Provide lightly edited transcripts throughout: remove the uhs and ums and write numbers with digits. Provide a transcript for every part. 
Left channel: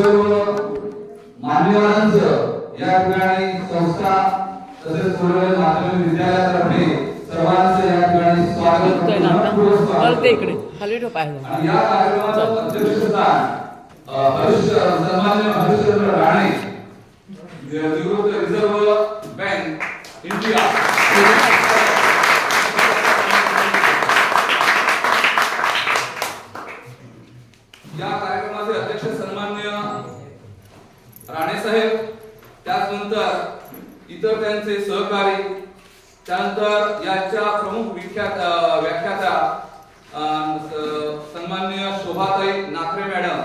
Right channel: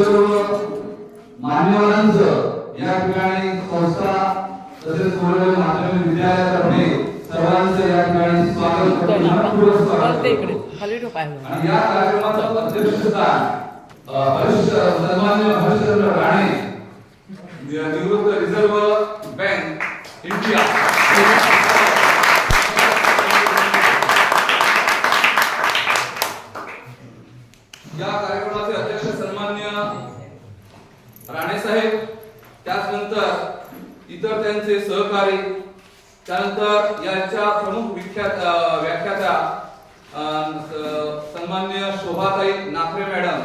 सर्व मान्यवरांचं या ठिकाणी संस्था तसेच कोल्हापूर माध्यमिक विद्यालयातर्फे सर्वांचं या ठिकाणी स्वागत करतो. आणि या कार्यक्रमाचं अध्यक्षस्थान सन्माननीय हरिश्चंद्र राणे, निवृत्त रिझर्व्ह बँक इंडिया या कार्यक्रमाचे अध्यक्ष सन्माननीय राणे साहेब, त्यानंतर इतर त्यांचे सहकारी, त्यानंतर याच्या प्रमुख व्याख्याता सन्माननीय शोभाताई नाखरे मॅडम,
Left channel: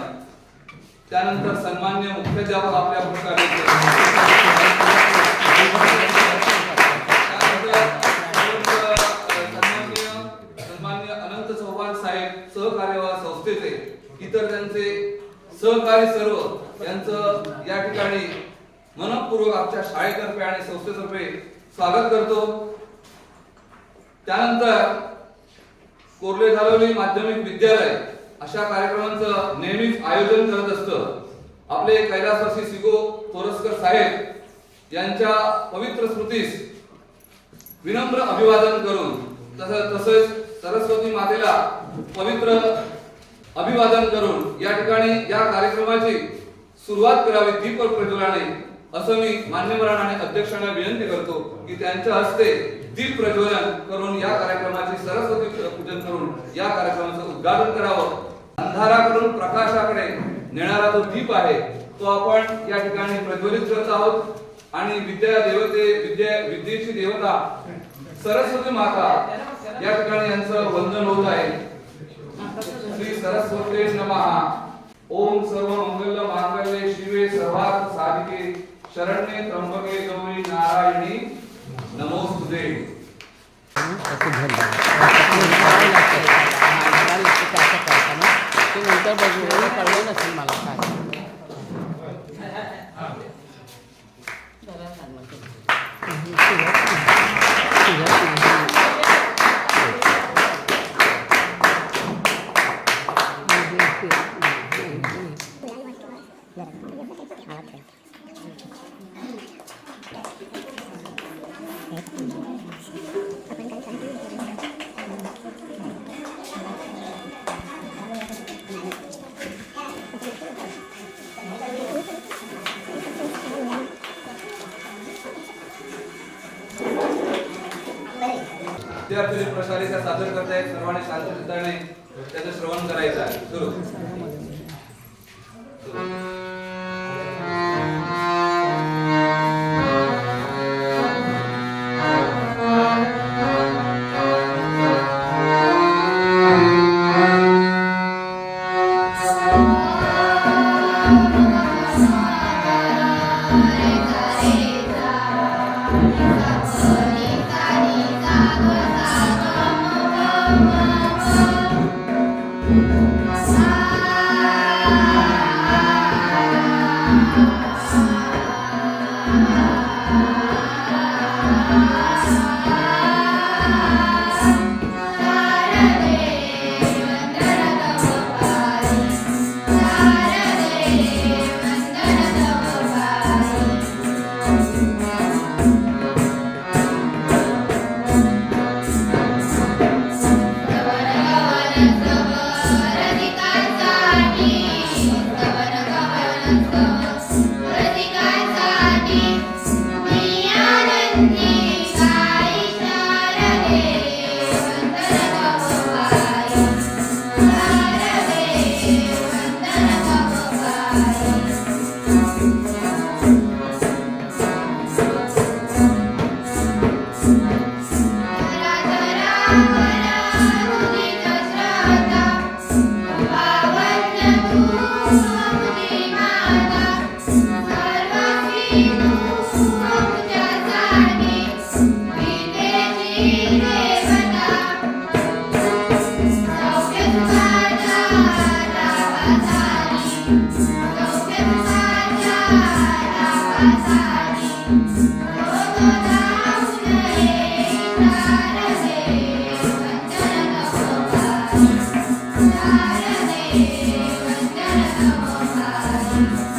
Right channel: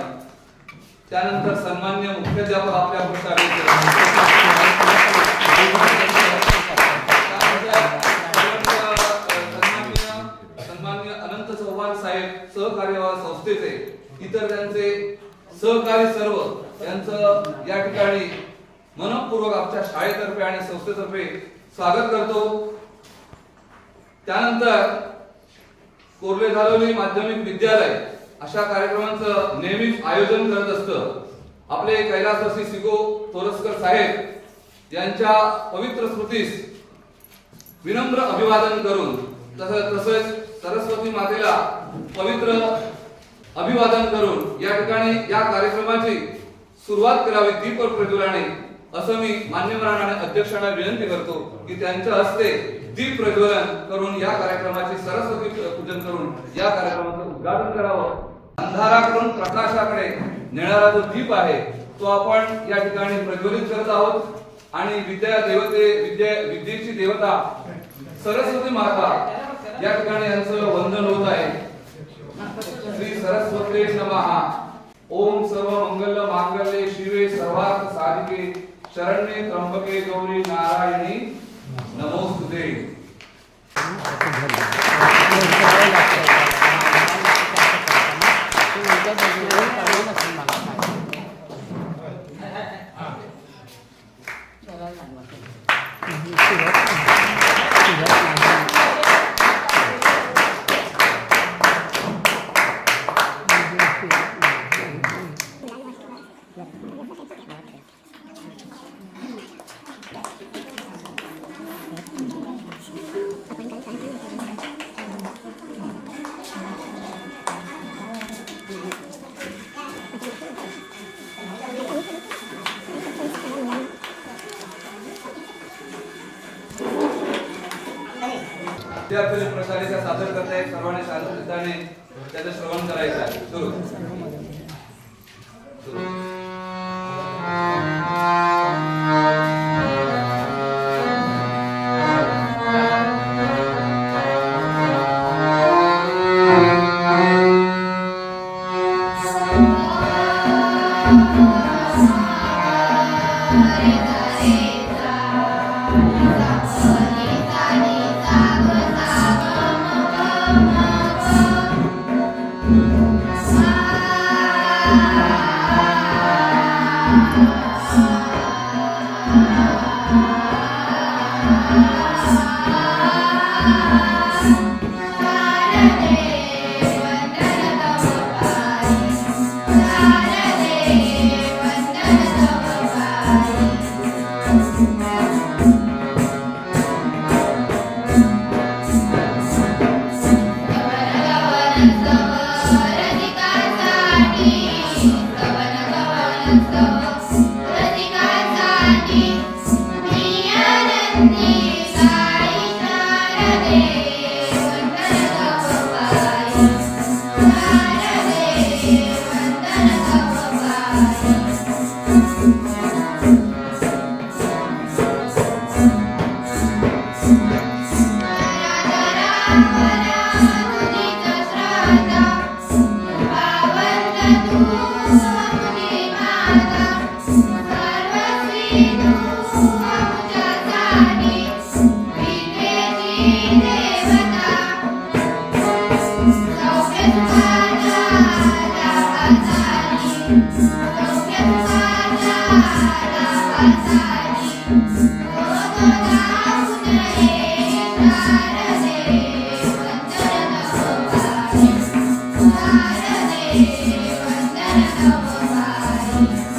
त्यानंतर सन्माननीय मुख्याध्यापक आपल्या प्रकारे सन्माननीय अनंत चव्हाण साहेब, सहकार्य संस्थेचे इतर त्यांचे सहकारी सर्व यांचं या ठिकाणी मनपूर्वक आमच्या शाळेतर्फे आणि संस्थेतर्फे स्वागत करतो. त्यानंतर कोर्ले धालोली माध्यमिक विद्यालय अशा कार्यक्रमांचं नेहमीच आयोजन करत असतं. आपले कैलासवासी सिगो तोरसकर साहेब यांच्या पवित्र स्मृतीस विनम्र अभिवादन करून तसेच सरस्वती मातेला पवित्र अभिवादन करून या ठिकाणी या कार्यक्रमाची सुरुवात करावी दीप प्रज्वलनाने, असं मी मान्यवरांना आणि अध्यक्षांना विनंती करतो की त्यांच्या हस्ते दीप प्रज्वलन करून या कार्यक्रमाचे सरस्वती पूजन करून या कार्यक्रमाचं उद्घाटन करावं. अंधाराकडून प्रकाशाकडे नेणारा जो दीप आहे तो आपण या ठिकाणी प्रज्वलित करत आहोत आणि विद्येची देवता सरस्वती माता या ठिकाणी यांचं वंदन होत आहे. श्री सरस्वती नमः. ओम सर्व मंगल मांगल्ये शिवे सर्वार्थ साधिके शरण्ये त्र्यंबके गौरी नारायणी नमोस्तुते. विद्यार्थी प्रकारे सादर करताय. सर्वांनी शांततेने त्याचं श्रवण करायचं आहे. सुरू. Thank you.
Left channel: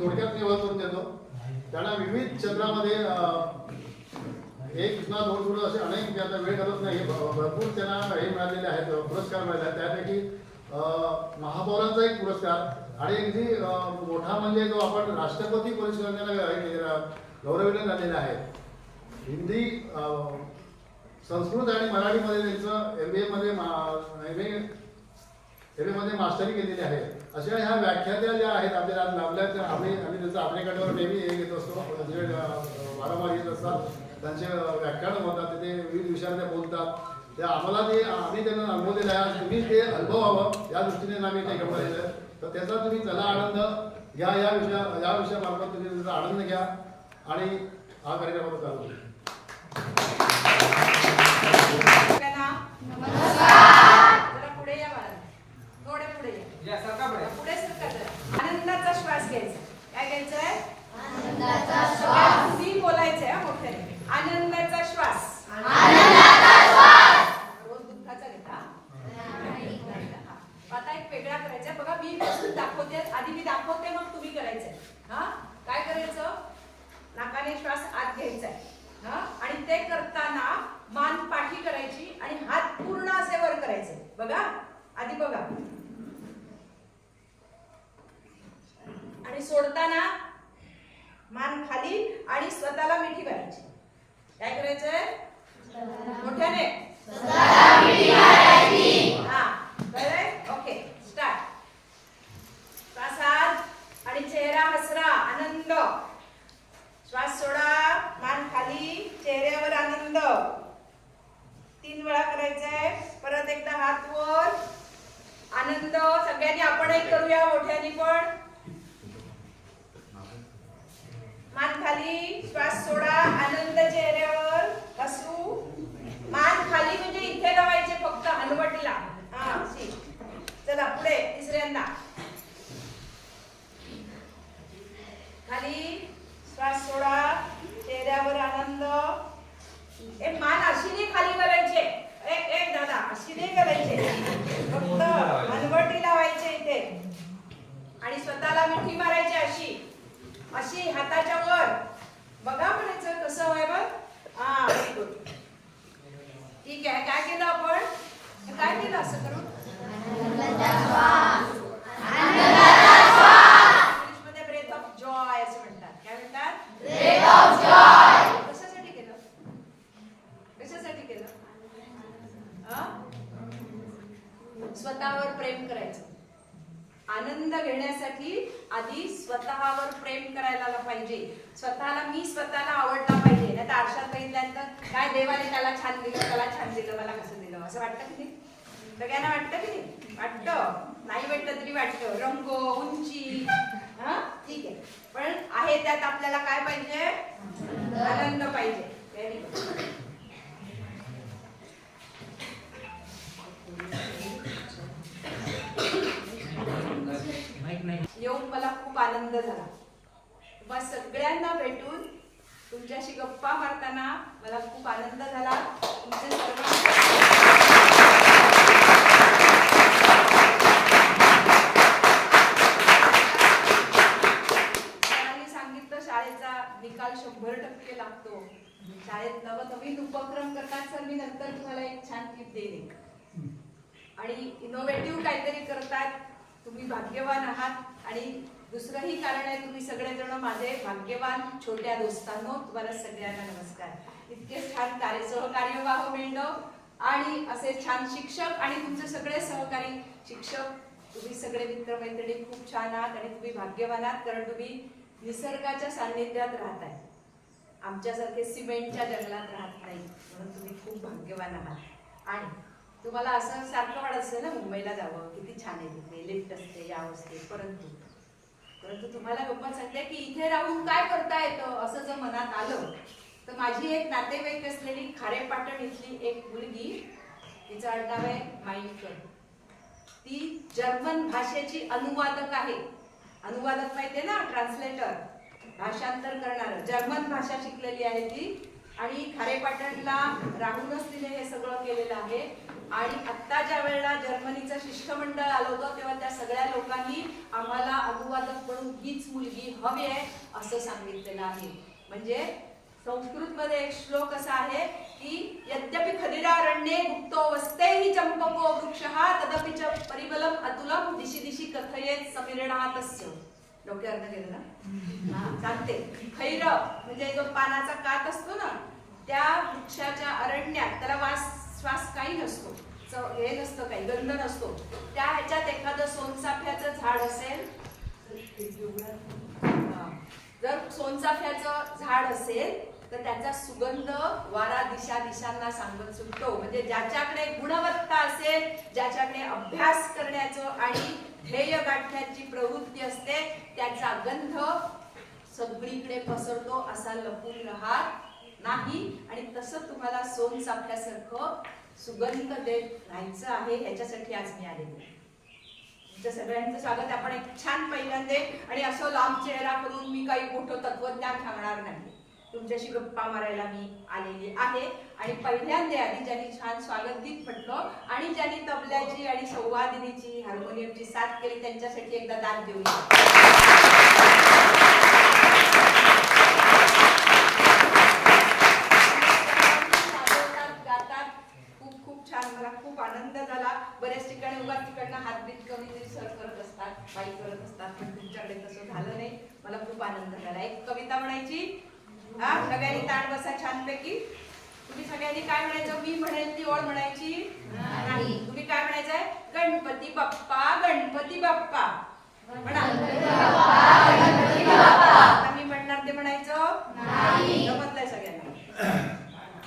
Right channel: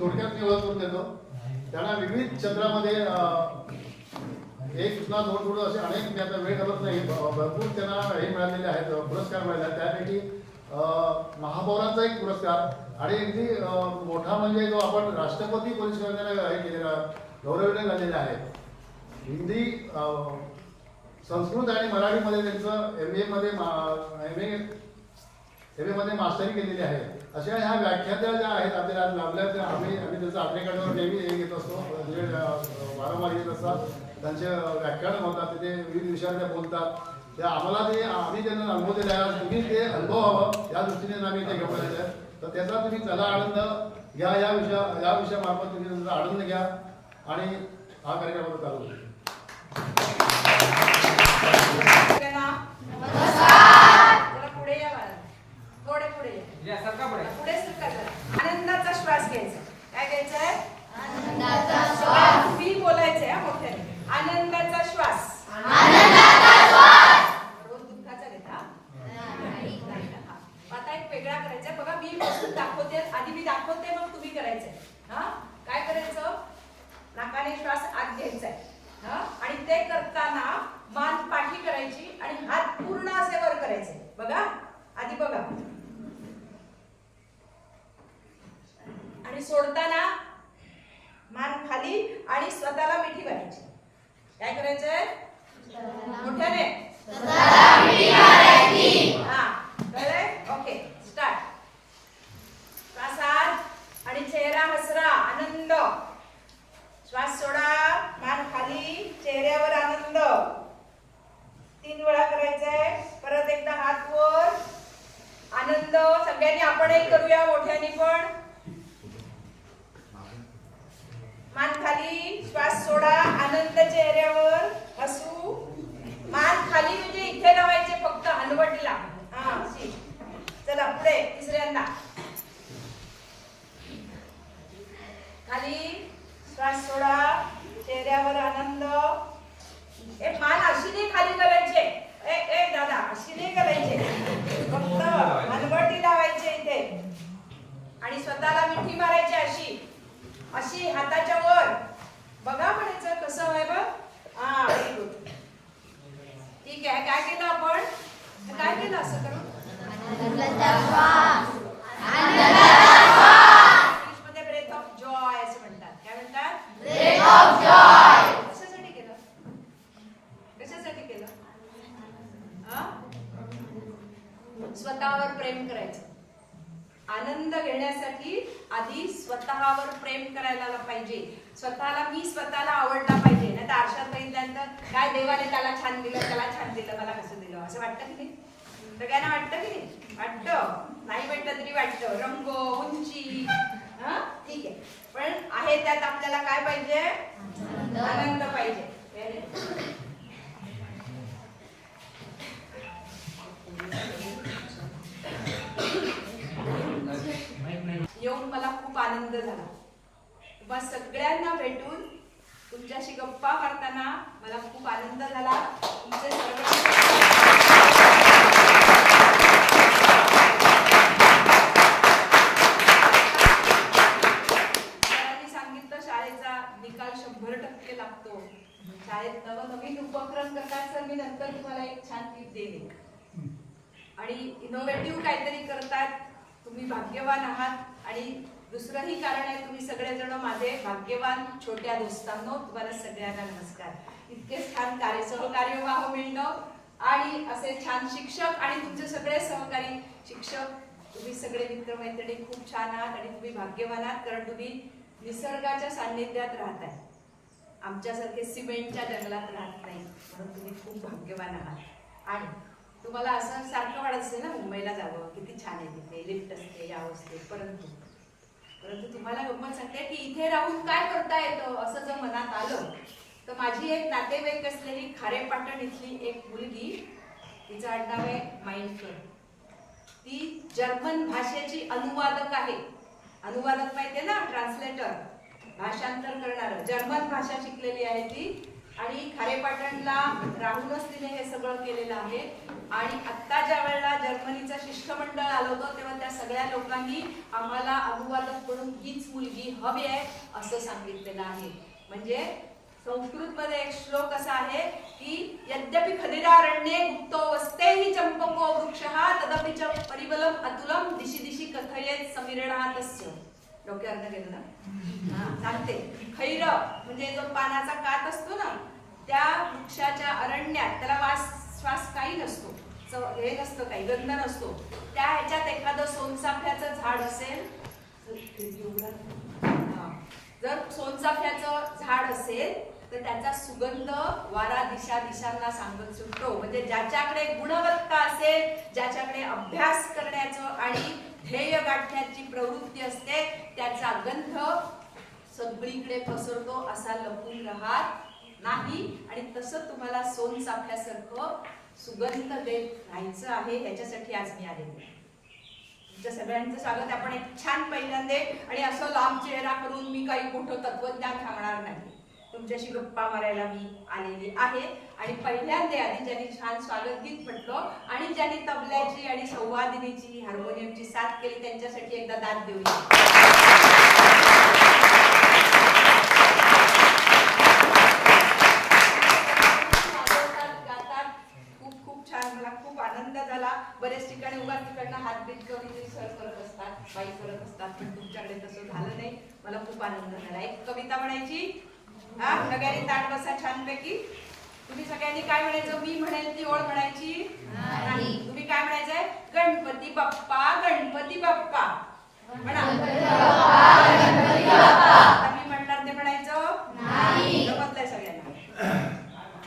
थोडक्यात मी ओळख करून देतो. त्यांना विविध क्षेत्रामध्ये एक ना दोन पुढं असे अनेक मी आता वेळ करत नाही, भरपूर त्यांना हे मिळालेले आहेत, पुरस्कार मिळाले आहेत. त्यापैकी महापौरांचा एक पुरस्कार आणि अगदी मोठा म्हणजे जो आपण राष्ट्रपती पुरस्काराला हे केलेला गौरवले झालेला आहे. हिंदी, संस्कृत आणि मराठीमध्ये त्यांचं MA मध्ये मास्टरी केलेली आहे. अशा ह्या व्याख्यात्या ज्या आहेत आपल्याला लाभल्या, आम्ही त्याचं आपल्याकडे नेहमी हे घेत असतो, वारंवार येत असतात. त्यांचे व्याख्यान होतात, तिथे विविध विषयावर त्या बोलतात. त्या आम्हाला ते आम्ही त्यांना अनुभव दिला आहे. तुम्ही ते अनुभवावं या दृष्टीने आम्ही ते घेऊन आलेलं आहे. तर त्याचा तुम्ही चला आनंद घ्या, या विषयामार्फत तुम्ही त्याचा आनंद घ्या आणि हा कार्यक्रम चालू होईल. पुढे आनंदाचा श्वास घ्यायचा. काय घ्यायचंय? मी बोलायचंय मोठ्याने. आनंदाचा श्वास. रोज दुःखाचा घेता आता एक वेगळा करायचा. बघा मी वस्तू दाखवते, आधी मी दाखवते मग तुम्ही करायचंय. हा काय करायचं? आणि हात पूर्ण असे वर करायचे. बघा आधी बघा. आणि सोडताना मान खाली आणि स्वतःला मिठी मारायची. काय करायचंय? मोठ्याने हा कळलंय? Okay start. श्वासात आणि चेहरा हसरा, आनंद. श्वास सोडा, मान खाली, चेहऱ्यावर आनंद. 3 वेळा करायचंय. परत एकदा हात वर, आनंद. सगळ्यांनी आपण एक करूया मोठ्याने पण. मान खाली, श्वास सोडा, आनंद चेहऱ्यावर, हसू. मान खाली म्हणजे इथे लावायचे फक्त हलवटला. हा शी. चला पुढे तिसऱ्यांदा. खाली, श्वास सोडा, चेहऱ्यावर आनंद. मान अशी नाही खाली घालायचे. ए दादा अशी नाही घालायचे, फक्त हलवटी लावायचे इथे. आणि स्वतःला मिठी मारायची अशी अशी हाताच्या वर. बघा म्हणायचं कसं आहे बघ. हा व्हेरी गुड. ठीक आहे. काय केलं आपण? काय केलं असं करून? इंग्लिशमध्ये ब्रेथ ऑफ जॉय असं म्हणतात. काय म्हणतात? Breath of joy. कशासाठी केलं? कशासाठी केलं? स्वतःवर प्रेम करायचं. आनंद घेण्यासाठी आधी स्वतःवर प्रेम करायला पाहिजे. मी स्वतःला आवडला पाहिजे. नाही तर आरशात बघितल्यानंतर काय देवाने त्याला छान दिलं, त्याला छान दिलं, मला कसं दिलं असं वाटतं की नाही? सगळ्यांना वाटतं की नाही? वाटतं. नाही वाटलं तरी वाटतं. रंग, उंची, ठीक आहे. पण आहे त्यात आपल्याला काय पाहिजे? आनंद पाहिजे. येऊन मला खूप आनंद झाला. तुम्हा सगळ्यांना भेटून तुमच्याशी गप्पा मारताना मला खूप आनंद झाला. तुमचे सरांनी सांगितलं शाळेचा निकाल 100% लागतो. शाळेत नवनवीन उपक्रम करतात सर. मी नंतर तुम्हाला एक छान टिप देईन. आणि इनोव्हेटिव्ह काहीतरी करतात. तुम्ही भाग्यवान आहात. आणि दुसरंही कारण आहे, तुम्ही सगळेजण माझे भाग्यवान छोट्या दोस्तांनो. तुम्हाला सगळ्यांना नमस्कार. इतके छान सहकार्य व्हावं मिळणं आणि असे छान शिक्षक आणि तुमचे सगळे सहकारी शिक्षक, तुम्ही सगळे मित्रमैत्रिणी खूप छान आहात आणि तुम्ही भाग्यवान आहात. कारण तुम्ही निसर्गाच्या सान्निध्यात राहताय. आमच्यासारखे सिमेंटच्या जंगलात राहत नाही, म्हणून तुम्ही खूप भाग्यवान आहात. आणि तुम्हाला असं सारखं वाटत असेल ना मुंबईला जावं, किती छान आहे तिथे, लिफ्ट असते, यावं असते. परंतु तुम्हाला गंमत सांगते की इथे राहून काय करता येतं असं जर मनात आलं तर माझी एक नातेवाईक असलेली खारेपाटण इथली एक मुलगी, तिचं आडनाव आहे माइंडकर. ती जर्मन भाषेची अनुवादक आहे. अनुवादक माहितीये ना, ट्रान्सलेटर, भाषांतर करणारं. जर्मन भाषा शिकलेली आहे ती. आणि खारेपाटणला राहूनच तिने हे सगळं केलेलं आहे. आणि आत्ता ज्या वेळेला जर्मनीचं शिष्टमंडळ आलं होतं तेव्हा त्या सगळ्या लोकांनी आम्हाला अनुवादक म्हणून हीच मुलगी हवी आहे असं सांगितलेलं आहे. म्हणजे संस्कृतमध्ये एक श्लोक असा आहे की यद्यपि खदिरारण्ये गुप्तो वस्तेहि चंपको वृक्षः तदपि च परिबलम अतुलम दिशी दिशी कथयेत समीरणातस्य. डोक्यावर गेलं ना? सांगते. खैर म्हणजे जो पानाचा कात असतो ना, त्या वृक्षाच्या अरण्यात त्याला श्वास काही नसतो, हे नसतं, काही गंध नसतो. त्या ह्याच्यात एखादं सोनचाफ्याचं झाड असेल, जर सोनचाफ्याचं झाड असेल तर त्याचा सुगंध वारा दिशांना सांगत सुटतो. म्हणजे ज्याच्याकडे गुणवत्ता असेल, ज्याच्याकडे अभ्यास करण्याचं आणि ध्येय गाठण्याची प्रवृत्ती असते, त्याचा गंध सगळीकडे पसरतो, असा लपून राहत नाही. आणि तसं तुम्हाला सोनचाफ्यासारखं सुगंध देत राहायचं आहे. ह्याच्यासाठी आज मी आलेले. तुमच्या सगळ्यांचं स्वागत. आपण एक छान पहिल्यांदा आणि असं लांब चेहरा करून मी काही मोठं तत्वज्ञान सांगणार नाही. तुमच्याशी गप्पा मारायला मी आलेली आहे. आणि पहिल्यांदा आधी ज्यांनी छान स्वागत गीत म्हटलं आणि ज्यांनी तबल्याची आणि संवादिनीची, हार्मोनियमची साथ केली, त्यांच्यासाठी एकदा दाद देऊया. बाई करत असतात, पण तुमच्याकडे तसं झालं नाही. मला खूप आनंद झाला. एक कविता म्हणायची. हा, सगळ्यांनी ताट बसा छानपैकी. तुम्ही सगळ्यांनी काय म्हणायचं? मी म्हणेल ती ओळ म्हणायची नाही. तुम्ही काय म्हणायचंय? गणपती बाप्पा, गणपती बाप्पा म्हणा. आता मी म्हणणार ते म्हणायचं नाही. जमतलंय सगळ्यांना?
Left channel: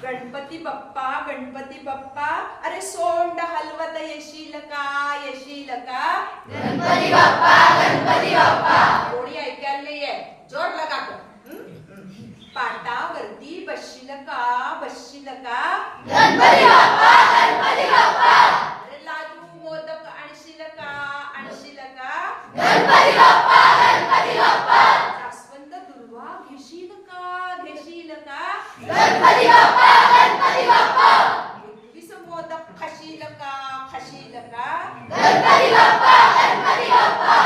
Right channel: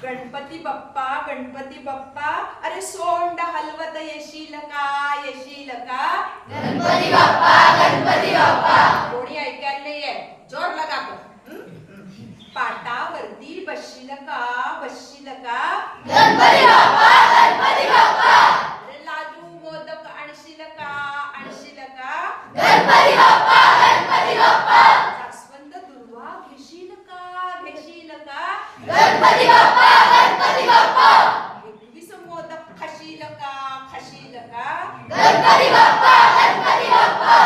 गणपती बाप्पा, गणपती बाप्पा, अरे सोंड हलवत येशील का, येशील का? गणपती बाप्पा, गणपती बाप्पा. कोणी ऐकायला नाहीये, जोर लगा कर. पाटावरती बसशील का, बसशील का? गणपती बाप्पा, गणपती बाप्पा. अरे लाडू मोदक आणशील का, आणशील का? गणपती बाप्पा, गणपती बाप्पा. जास्वंद दुर्वा घेशील का, घेशील का? गणपती बाप्पा, गणपती बाप्पा. 21 मोदक खाशील का, खाशील का? गणपती बाप्पा, गणपती बाप्पा.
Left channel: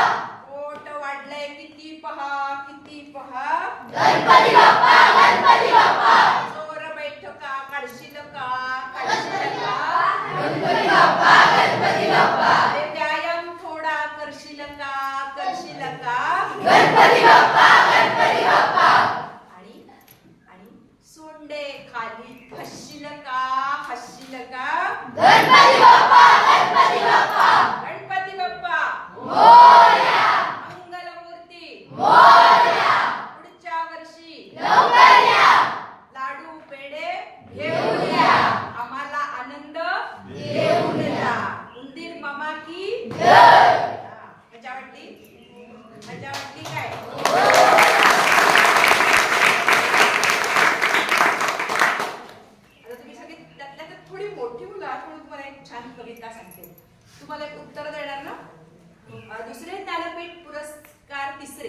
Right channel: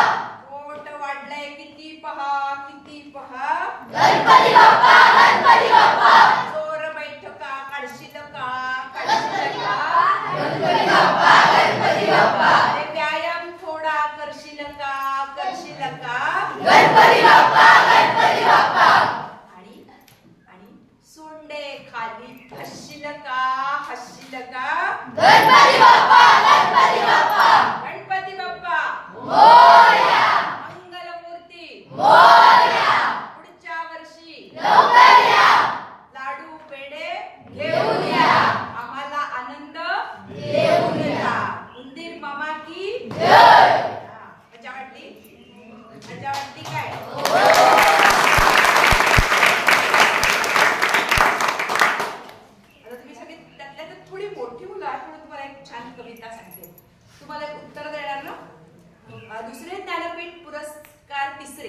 पोट वाढलंय किती पहा, किती पहा? गणपती बाप्पा, गणपती बाप्पा. जोर बैठका काढशील का, काढशील का? गणपती बाप्पा, गणपती बाप्पा. अरे व्यायाम थोडा करशील का, करशील का? गणपती बाप्पा, गणपती बाप्पा. आणि आणि सोंडे खाली हसशील का, हसशील का? गणपती बाप्पा, गणपती बाप्पा. गणपती बाप्पा मोरया, मंगलमूर्ती मोरया. पुढच्या वर्षी लवकर या, लाडू पेढे घेऊन या, आम्हाला आनंद देऊन जा. उंदीर मामा की जय. हा, मजा वाटली? मजा वाटली काय? आता तुम्ही सगळे त्यातल्या त्यात थोडी मोठी मुलं आहात, म्हणून तुम्हाला एक छान कविता सांगते. तुम्हाला एक उत्तर देणार ना? दुसरे ज्ञानपीठ पुरस्कार तिसरे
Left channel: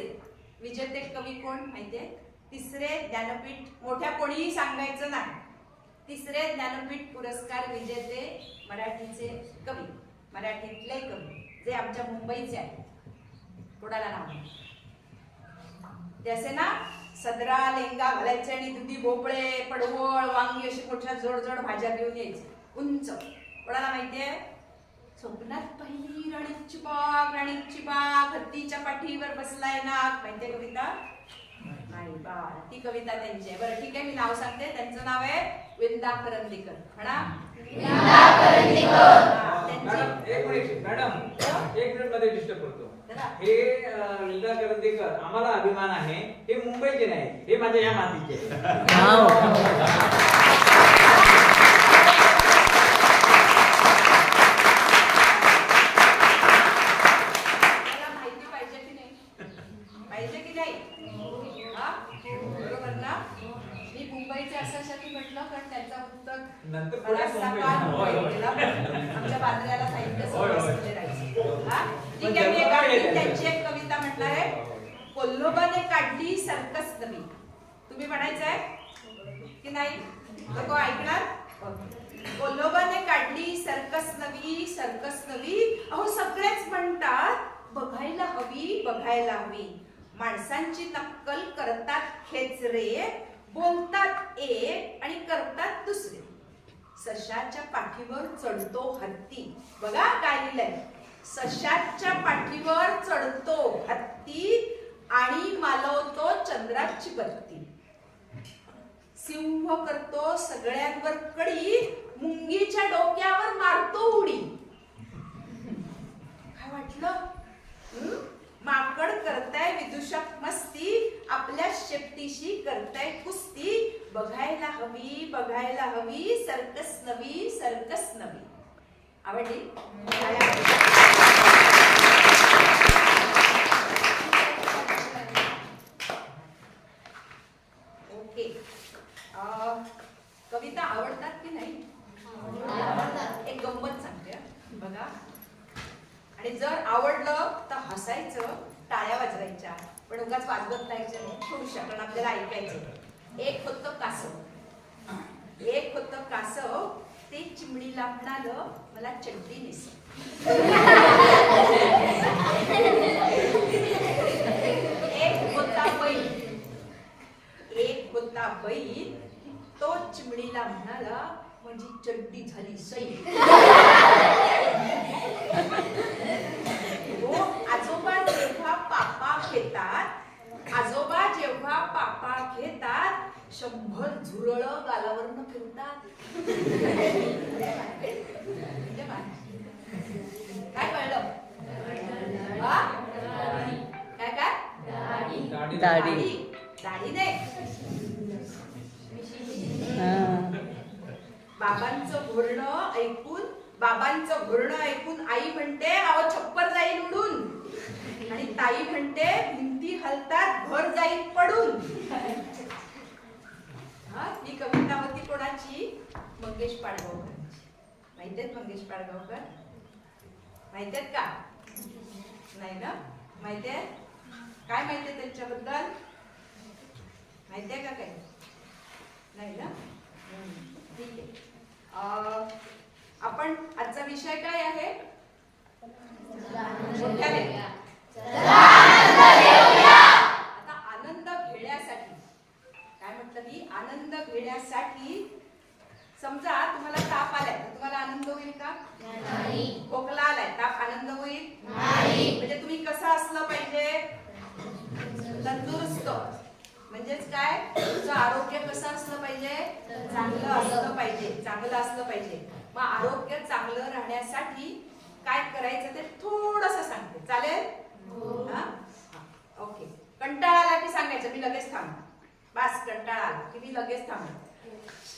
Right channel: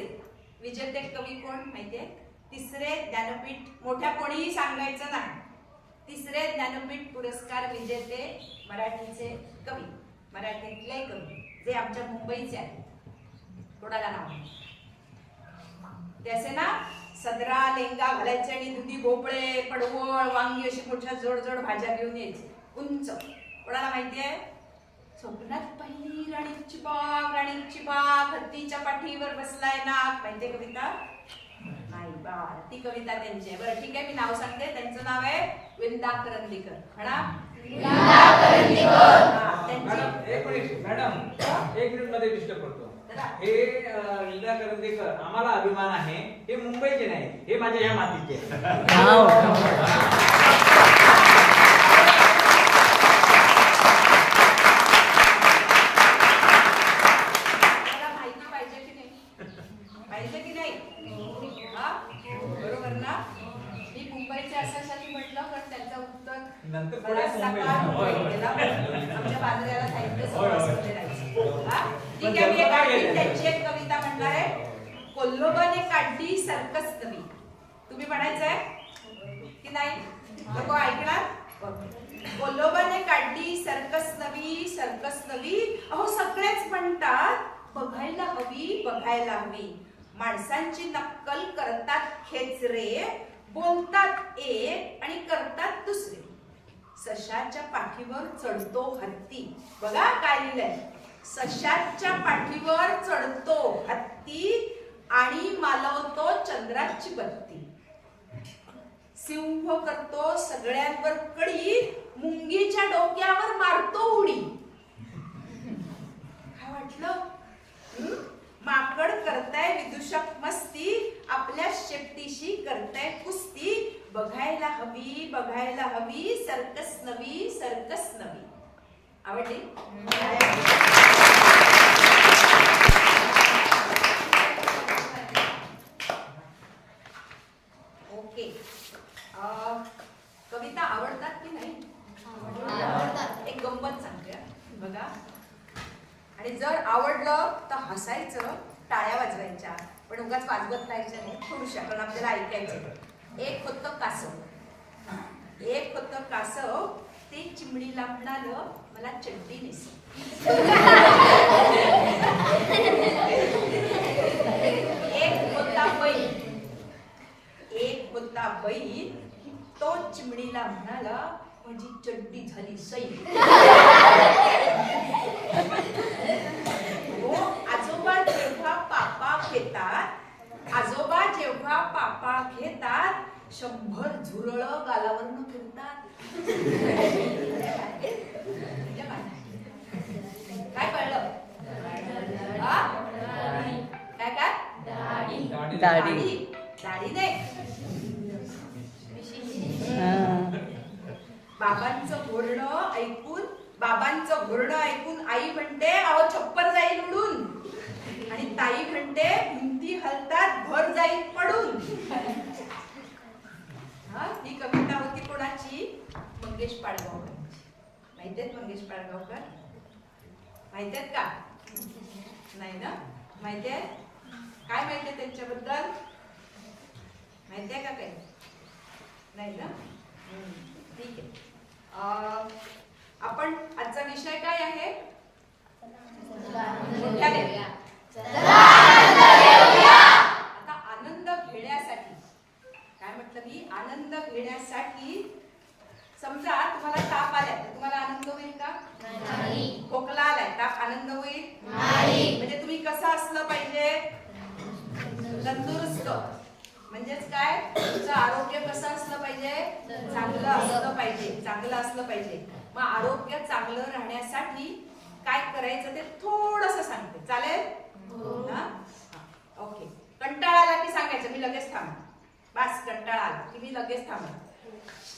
विजेते कवी कोण माहितीये? तिसरे ज्ञानपीठ, मोठ्या कोणीही सांगायचं नाही. तिसरे ज्ञानपीठ पुरस्कार विजेते मराठीचे कवी, मराठीतले कवी जे आमच्या मुंबईचे आहेत. कोणाला नाव नाही. ते असे ना सदरा लेंगा घालायचे आणि दुधी भोपळे, पडवळ, वांगी अशी मोठ्या जोड जोड भाज्या घेऊन यायची उंच. कोणाला माहितीये? स्वप्नात पहिली राणीची बाग, राणीची बाग, हत्तीच्या पाठीवर बसलाय नाग. माहितीये कविता? नाही बा, ती कविता त्यांची आहे. बरं ठीक आहे, मी नाव सांगते. त्यांचं नाव आहे विंदा करंदीकर. म्हणा विंदा करंदीकर. हा, त्यांची एक मिनिट मॅडम, एक मिनिट मध्ये डिस्टर्ब करतो. चला. हे विंदा करंदीकर, आम्हाला अभिमान आहे. हे मुंबईचे नाही, हे माझ्या या मातीचे. मला माहिती पाहिजे की नाही? पाहिजे की नाही? हा, बरोबर ना? मी मुंबईचे अशासाठी म्हटलं कारण त्याचं उत्तर नंतर बराच पुढे सकाळ मुंबईत मुंबई. गेला. आमच्या बांद्र्याला साहित्य होय, होय. संस्थेमध्ये राहायचं. हा, ठीक पण आहे. मी एक जन्म आणखी काय त्यांची एक कविता म्हणणार आहे. कोल्होबाने काढली सर्कस नवी. तुम्ही म्हणायचंय की नाही? लोक ऐकणार? कोल्होबाने काढली सर्कस नवी, सर्कस नवी. अहो सगळेच म्हणतात बघायला हवी, बघायला हवी. माणसांची नक्कल करतात खेचरे, बोलतात एक आणि करतात दुसरे. सशाच्या पाठीवर चढतो हत्ती. बघा काय लिहिलंय? सशाच्या पाठीवर चढतो हत्ती आणि मालवतो चंद्राची बत्ती. सिंह करतो सगळ्यांवर कडी, मुंगीच्या डोक्यावर मारतो उडी. काय वाटलं? माकड करताय विदूषक मस्ती, आपल्या शेपटीशी करताय कुस्ती. बघायला हवी, बघायला हवी, सर्कस नवी, सर्कस नवी. आवडली? ओके. कविता आवडतात की नाही? एक गंमत सांगते बघा. आणि जर आवडलं तर हसायचं, टाळ्या वाजवायच्या, पण उगाच वाजवत राहायचं नाही थोडुशा, कारण आपल्याला ऐकायचं. एक होतं कासव, एक होतं कासव. ते चिमणीला म्हणालं मला चड्डी नेस. एक होता बैल, एक होता बैल. तो चिमणीला म्हणाला माझी चड्डी झाली सैल. हो, आजोबा 100 झुरळं गालावरनं फिरतात. म्हणजे काय कळलं? हा? काय काय? दाढी. दाढी नाही. बाबांचं घोरणं ऐकून आई म्हणते अहो छप्पर जाईल उडून, आणि ताई म्हणते भिंती हलतात घर जाईल पडून. ही कविता होती कोणाची? मंगेश पाडगावकरांची. माहितीयेत मंगेश पाडगावकर? माहितीयेत का? नाही ना? माहितीये? काय माहितीये त्यांच्याबद्दल? माहितीये का काही? नाही ना? ठीक आहे. आपण आजचा विषय काय आहे? मोठ्याने. आता आनंद घेण्यासाठी काय म्हटलं मी? आनंद घेण्यासाठी समजा तुम्हाला ताप आलाय तर तुम्हाला आनंद होईल का? नाही. खोकला आलाय, ताप आनंद होईल? नाही. म्हणजे तुम्ही कसं असलं पाहिजे? तंदुरुस्त. म्हणजेच काय? तुमचं आरोग्य कसं असलं पाहिजे? चांगलं असलं पाहिजे. चांगलं असलं पाहिजे. मग आरोग्य चांगलं राहण्यासाठी काय करायचं ते थोडंसं सांगते. चालेल? हा? ओके. कंटाळा आला की सांगायचं मी लगेच थांबते. बस कंटाळा आला की मी लगेच थांबते.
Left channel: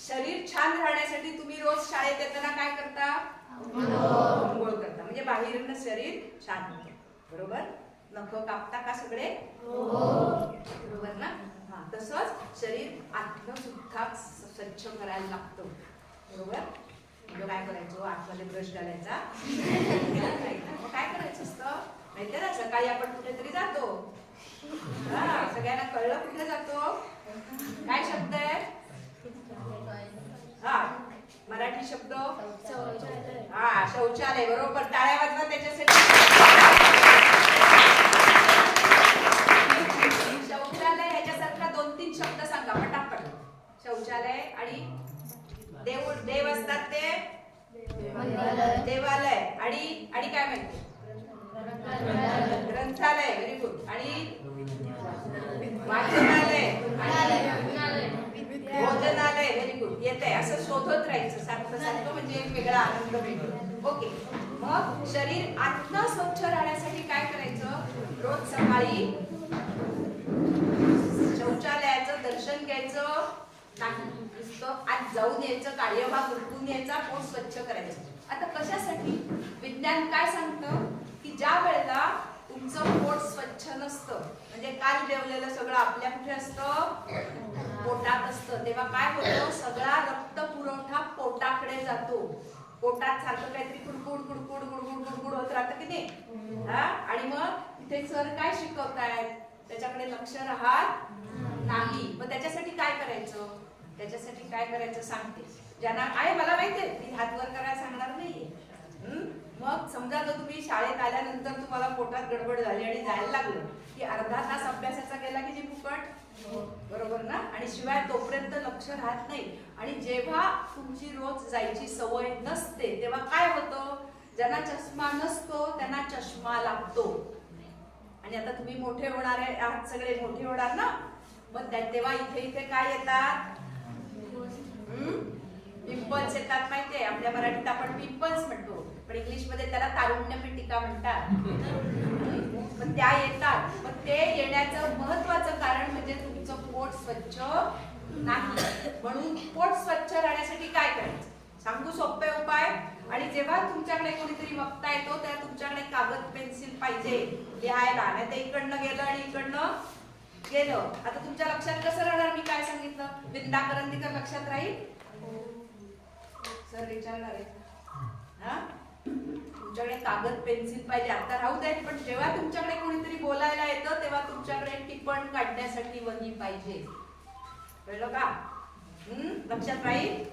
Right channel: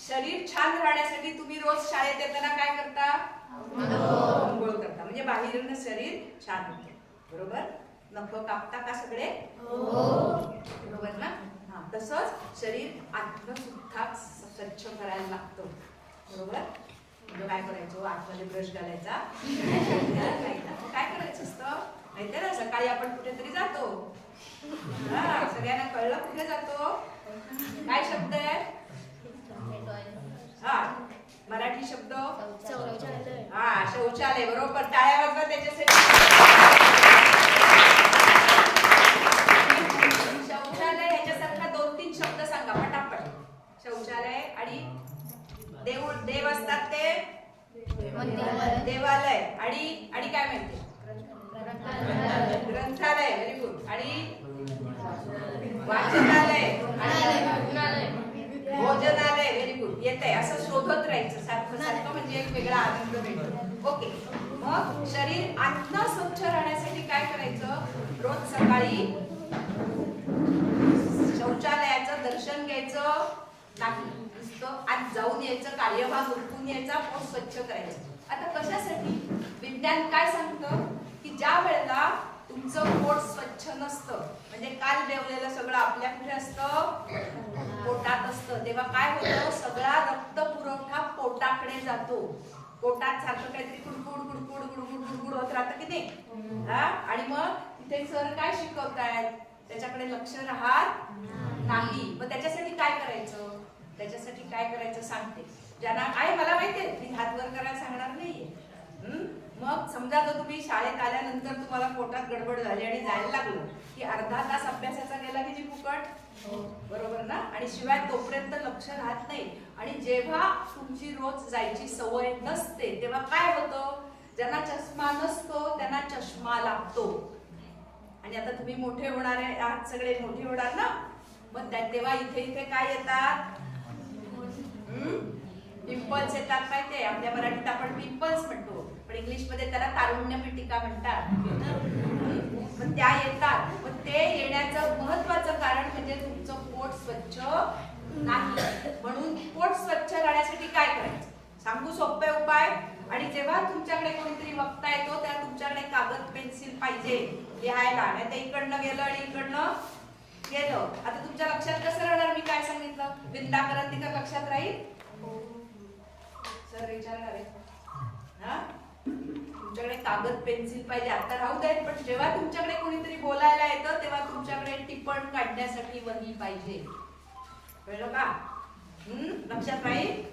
शरीर छान राहण्यासाठी तुम्ही रोज शाळेत येताना काय करता? अंघोळ करता. म्हणजे बाहेरनं शरीर छान होतं. बरोबर? नख कापता का सगळे? बरोबर ना? हा. तसंच शरीर आतनं सुद्धा स्वच्छ करायला लागतं. बरोबर? म्हणजे काय करायचं? आतमध्ये ब्रश घालायचा नाही ना? मग काय करायचं असतं माहितीये ना? सकाळी आपण कुठेतरी जातो. हा, सगळ्यांना कळलं कुठे जातो? काय शब्द आहे? हा, मराठी शब्द? हा, शौचालय. बरोबर. टाळ्या वाजवा त्याच्यासाठी. शौचालय याच्यासारखा 2-3 शब्द सांगा पटापट. शौचालय आणि देव असतात ते देवालय. आणि काय माहिती? ग्रंथालय. Very good. आणि वाचनालय आणि भोजनालय. Very good. येतंय. असं शोधत राहायचं सारखं सारखं, म्हणजे एक वेगळा आनंद मिळतो. ओके. मग शरीर आतनं स्वच्छ राहण्यासाठी काय करायचं? रोज सकाळी शौचालयाचं दर्शन घ्यायचं नाही. नुसतं आज जाऊन यायचं, कार्यभाग उरकून यायचा, पोट स्वच्छ करायचं. आता कशासाठी? विज्ञान काय सांगतं की ज्या वेळेला तुमचं पोट स्वच्छ नसतं, म्हणजे काल जेवलेलं सगळं आपल्या कुठे असतं? पोटात असतं. तेव्हा काय होतं? सगळा रक्त पुरवठा पोटाकडे जातो. पोटात सारखं काहीतरी कुडकुड कुडकुड गुडगुड गुडगुड होत राहतं की नाही? आणि मग इथे सर काय शिकवतायत? त्याच्याकडे लक्ष राहत नाही. मग त्याच्यासाठी काय करायचं? त्याच्यासाठी काय करायचं सांगते. ज्यांना आहे मला माहितीये, मी हात वर करायला सांगणार नाहीये. मग समजा जर तुम्ही शाळेत आल्यानंतर तुम्हाला पोटात गडबड झाली आणि जायला लागलं की अर्धा तास अभ्यासाचा गेला की जी फुकट. बरोबर ना? आणि शिवाय तोपर्यंत लक्ष राहत नाही. आणि जेव्हा तुमची रोज जायची सवय नसते तेव्हा काय होतं? ज्यांना चष्मा नसतो त्यांना चष्मा लागतो. आणि आता तुम्ही मोठे होणार आहात, सगळे मोठे होणार ना? मग तेव्हा इथे काय येतात? पिंपल्स येतात. माहितीये? आपल्या मराठीत आपण पिंपल्स म्हणतो, पण इंग्लिश मध्ये त्याला तारुण्य पिटिका म्हणतात. पण त्या येतात. पण ते येण्याचं महत्वाचं कारण म्हणजे तुमचं पोट स्वच्छ नाही. म्हणून पोट स्वच्छ राहण्यासाठी काय करायचं सांगू? सोपे उपाय. आणि जेव्हा तुमच्याकडे कोणीतरी वक्ता येतो तेव्हा तुमच्याकडे कागद पेन्सिल पाहिजे लिहायला. नाही तर इकडनं गेलं आणि इकडनं गेलं. आता तुमच्या लक्षात कसं राहणार? मी काय सांगितलं? विंदा करंदीकर लक्षात राहील? सर विचारणार आहे. हा, तुमच्याकडे कागद पेन्सिल पाहिजे. आता राहू देत, पण जेव्हा तुमच्याकडे कोणीतरी बोलायला येतं तेव्हा तुमच्याकडे टिप्पण काढण्यासाठी वही पाहिजे. कळलं का? लक्षात राहील?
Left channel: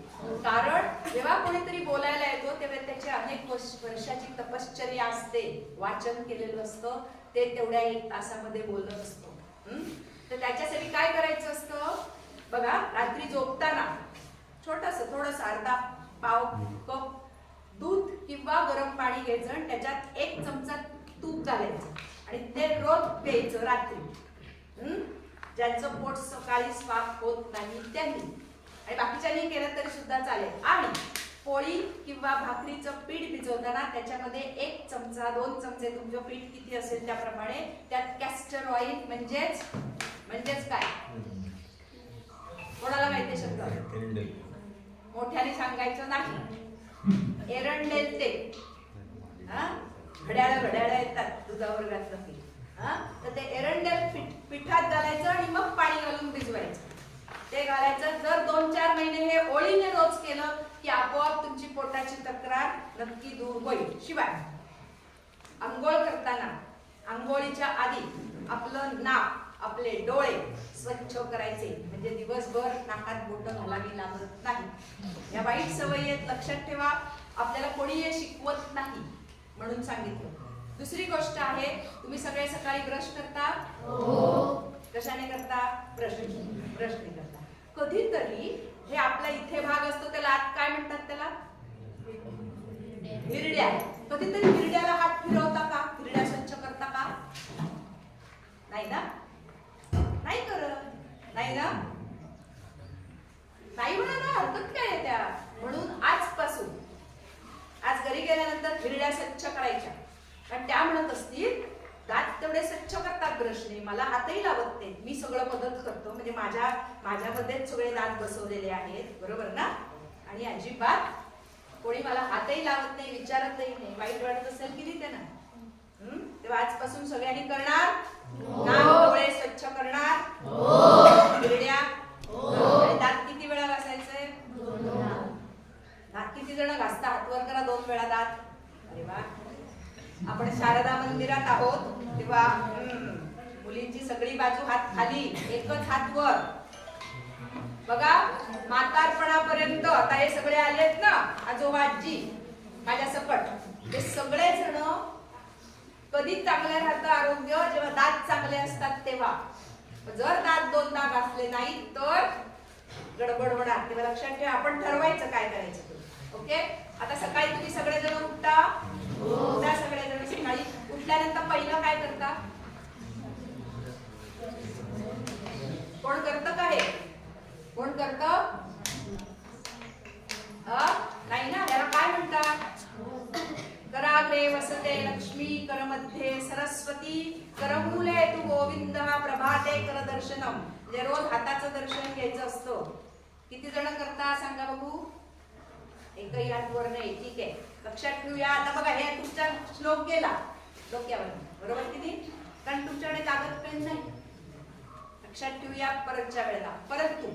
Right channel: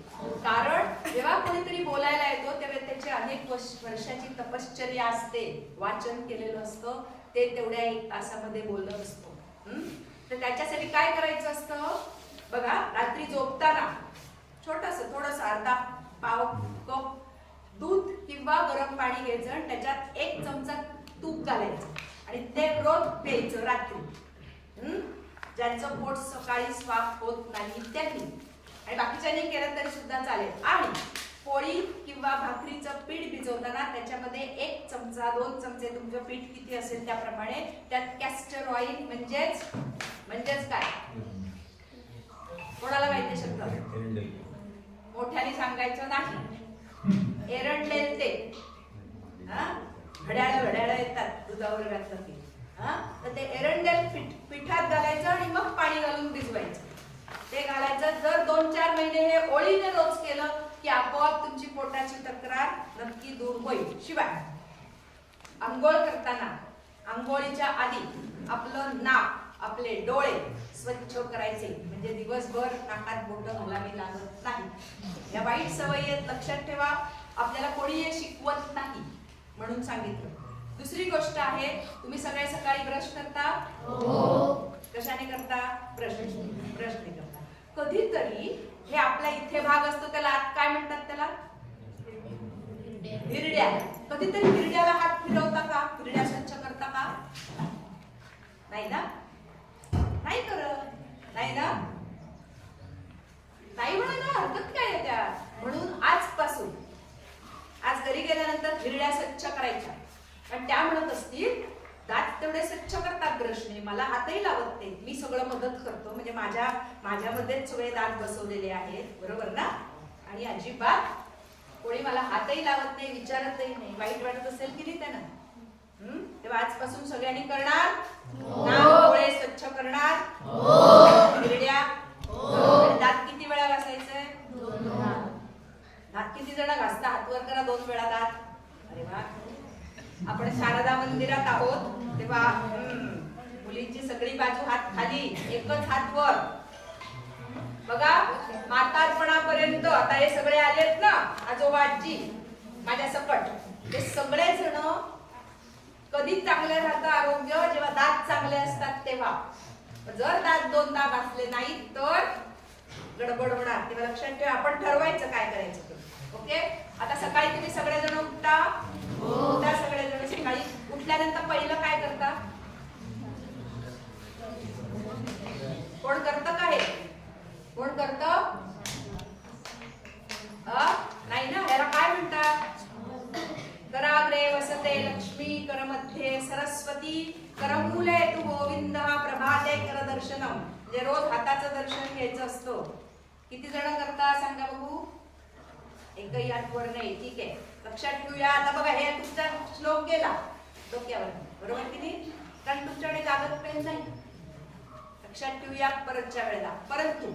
कारण जेव्हा कोणीतरी बोलायला येतो तेव्हा त्याची अनेक वर्षाची तपश्चर्या असते. वाचन केलेलं असतं, ते तेवढ्या 1 तासामध्ये बोलत असतो. तर त्याच्यासाठी काय करायचं असतं? बघा, रात्री झोपताना थोडस अर्धा पाव कप दूध किंवा गरम पाणी घ्यायचं आणि त्याच्यात 1 चमचा तूप घालायचं आणि ते रोज प्यायचं रात्री. ज्यांचं पोट सकाळी साफ होत नाही त्यांनी, आणि बाकीच्यांनी केलं तरी सुद्धा चालेल. आणि पोळी किंवा भाकरीचं पीठ भिजवताना त्याच्यामध्ये 1 चमचा 2 चमचे तुमचं पीठ किती असेल त्याप्रमाणे त्यात कॅस्टर ऑइल म्हणजेच काय, कोणाला माहिती शब्द? मोठ्याने सांगायचं नाही. एरंडेल तेल. घड्याळ येतात दुधावर घातलं की, तर ते एरंडेल पिठात घालायचं आणि मग पाणी घालून भिजवायचं. ते घालायचं. जर 2-4 महिने हे ओळीने रोज केलं की आपोआप तुमची पोटाची तक्रार नक्की दूर होईल. शिवाय आंघोळ करताना आंघोळीच्या आधी आपलं नाक, आपले डोळे स्वच्छ करायचे, म्हणजे दिवसभर नाकात बोटं घालावी लागत नाही. या वाईट सवयी आहेत, लक्षात ठेवा. आपल्याला कोणी हे शिकवत नाही म्हणून सांगितलं. दुसरी गोष्ट आहे, तुम्ही सगळे सकाळी ब्रश करता? कशाने करता? ब्रशने करता. कधीतरी हे आपला इथे भाग असतो त्याला आत काय म्हणतात? त्याला हिरड्या. कधीतरी हिरड्याला हात फिरवता का? हिरड्या स्वच्छ करता का? नाही ना? नाही करत. नाही ना? नाही म्हणा ना, हरकत काय आहे त्या. म्हणून आजपासून, आज घरी गेल्यानंतर हिरड्या स्वच्छ करायच्या. कारण त्या म्हणत असतील दात तेवढे स्वच्छ करतात ब्रशने, मला हातही लावत नाही, मी सगळं मदत करतो, म्हणजे माझ्यामध्येच सगळे दात बसवलेले आहेत, बरोबर ना? आणि अजिबात कोणी मला हातही लावत नाही, विचारतही नाही. वाईट वाटत असेल की नाही त्यांना? तेव्हा आजपासून सगळ्यांनी करणार. नाक डोळे स्वच्छ करणार. हिरड्या. आणि दात किती वेळा घासायचंय? दात किती जण घासता? हातवर करा 2 वेळा दात. अरे वा. आपण शारदा मंदिरात आहोत तेव्हा मुलींची सगळी बाजू हात खाली, एकच हात वर. बघा, म्हातारपणापर्यंत आता हे सगळे आलेत ना, आजोबा आजी माझ्या सकट, ते सगळे जण कधी चांगले राहतं आरोग्य? जेव्हा दात चांगले असतात तेव्हा. जर दात 2दा घासले नाही तर गडबड होणार. तेव्हा लक्षात ठेवा. आपण ठरवायचं काय करायचं ते. ओके. आता सकाळी तुम्ही सगळेजण उठता सगळेजण सकाळी उठल्यानंतर पहिलं काय करता? कोण करतं का हे? कोण करतं? नाही ना. याला काय म्हणतात? कराग्रे वसते लक्ष्मी, करमध्ये सरस्वती, करमूले तू गोविंद, प्रभाते कर दर्शनम. म्हणजे रोज हाताचं दर्शन घ्यायचं असतं. किती जण करता सांगा बघू? एकही हात वर नाही. ठीक आहे, लक्षात ठेवूया. आता बघा, हे तुमचा श्लोक गेला डोक्यावर, बरोबर की नाही? कारण तुमच्याकडे कागद पेन नाही. लक्षात ठेवूया परतच्या वेळेला. परंतु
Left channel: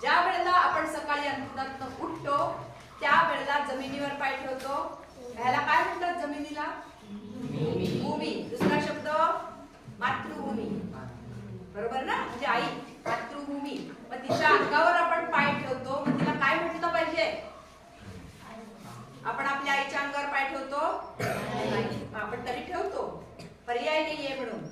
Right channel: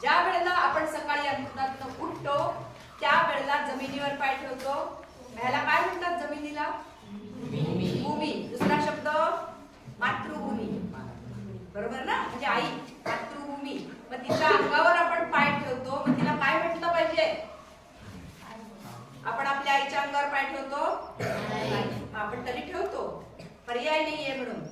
ज्या वेळेला आपण सकाळी अंथरुणातून उठतो त्या वेळेला जमिनीवर पाय ठेवतो. ह्याला काय म्हणतात? जमिनीला भूमी. दुसरा शब्द मातृभूमी, बरोबर ना? म्हणजे आई, मातृभूमी. मग तिच्या अंगावर आपण पाय ठेवतो, मग तिला काय म्हटलं पाहिजे? आपण आपल्या आईच्या अंगावर पाय ठेवतो नाही, आपण तरी ठेवतो, पर्याय नाहीये म्हणून.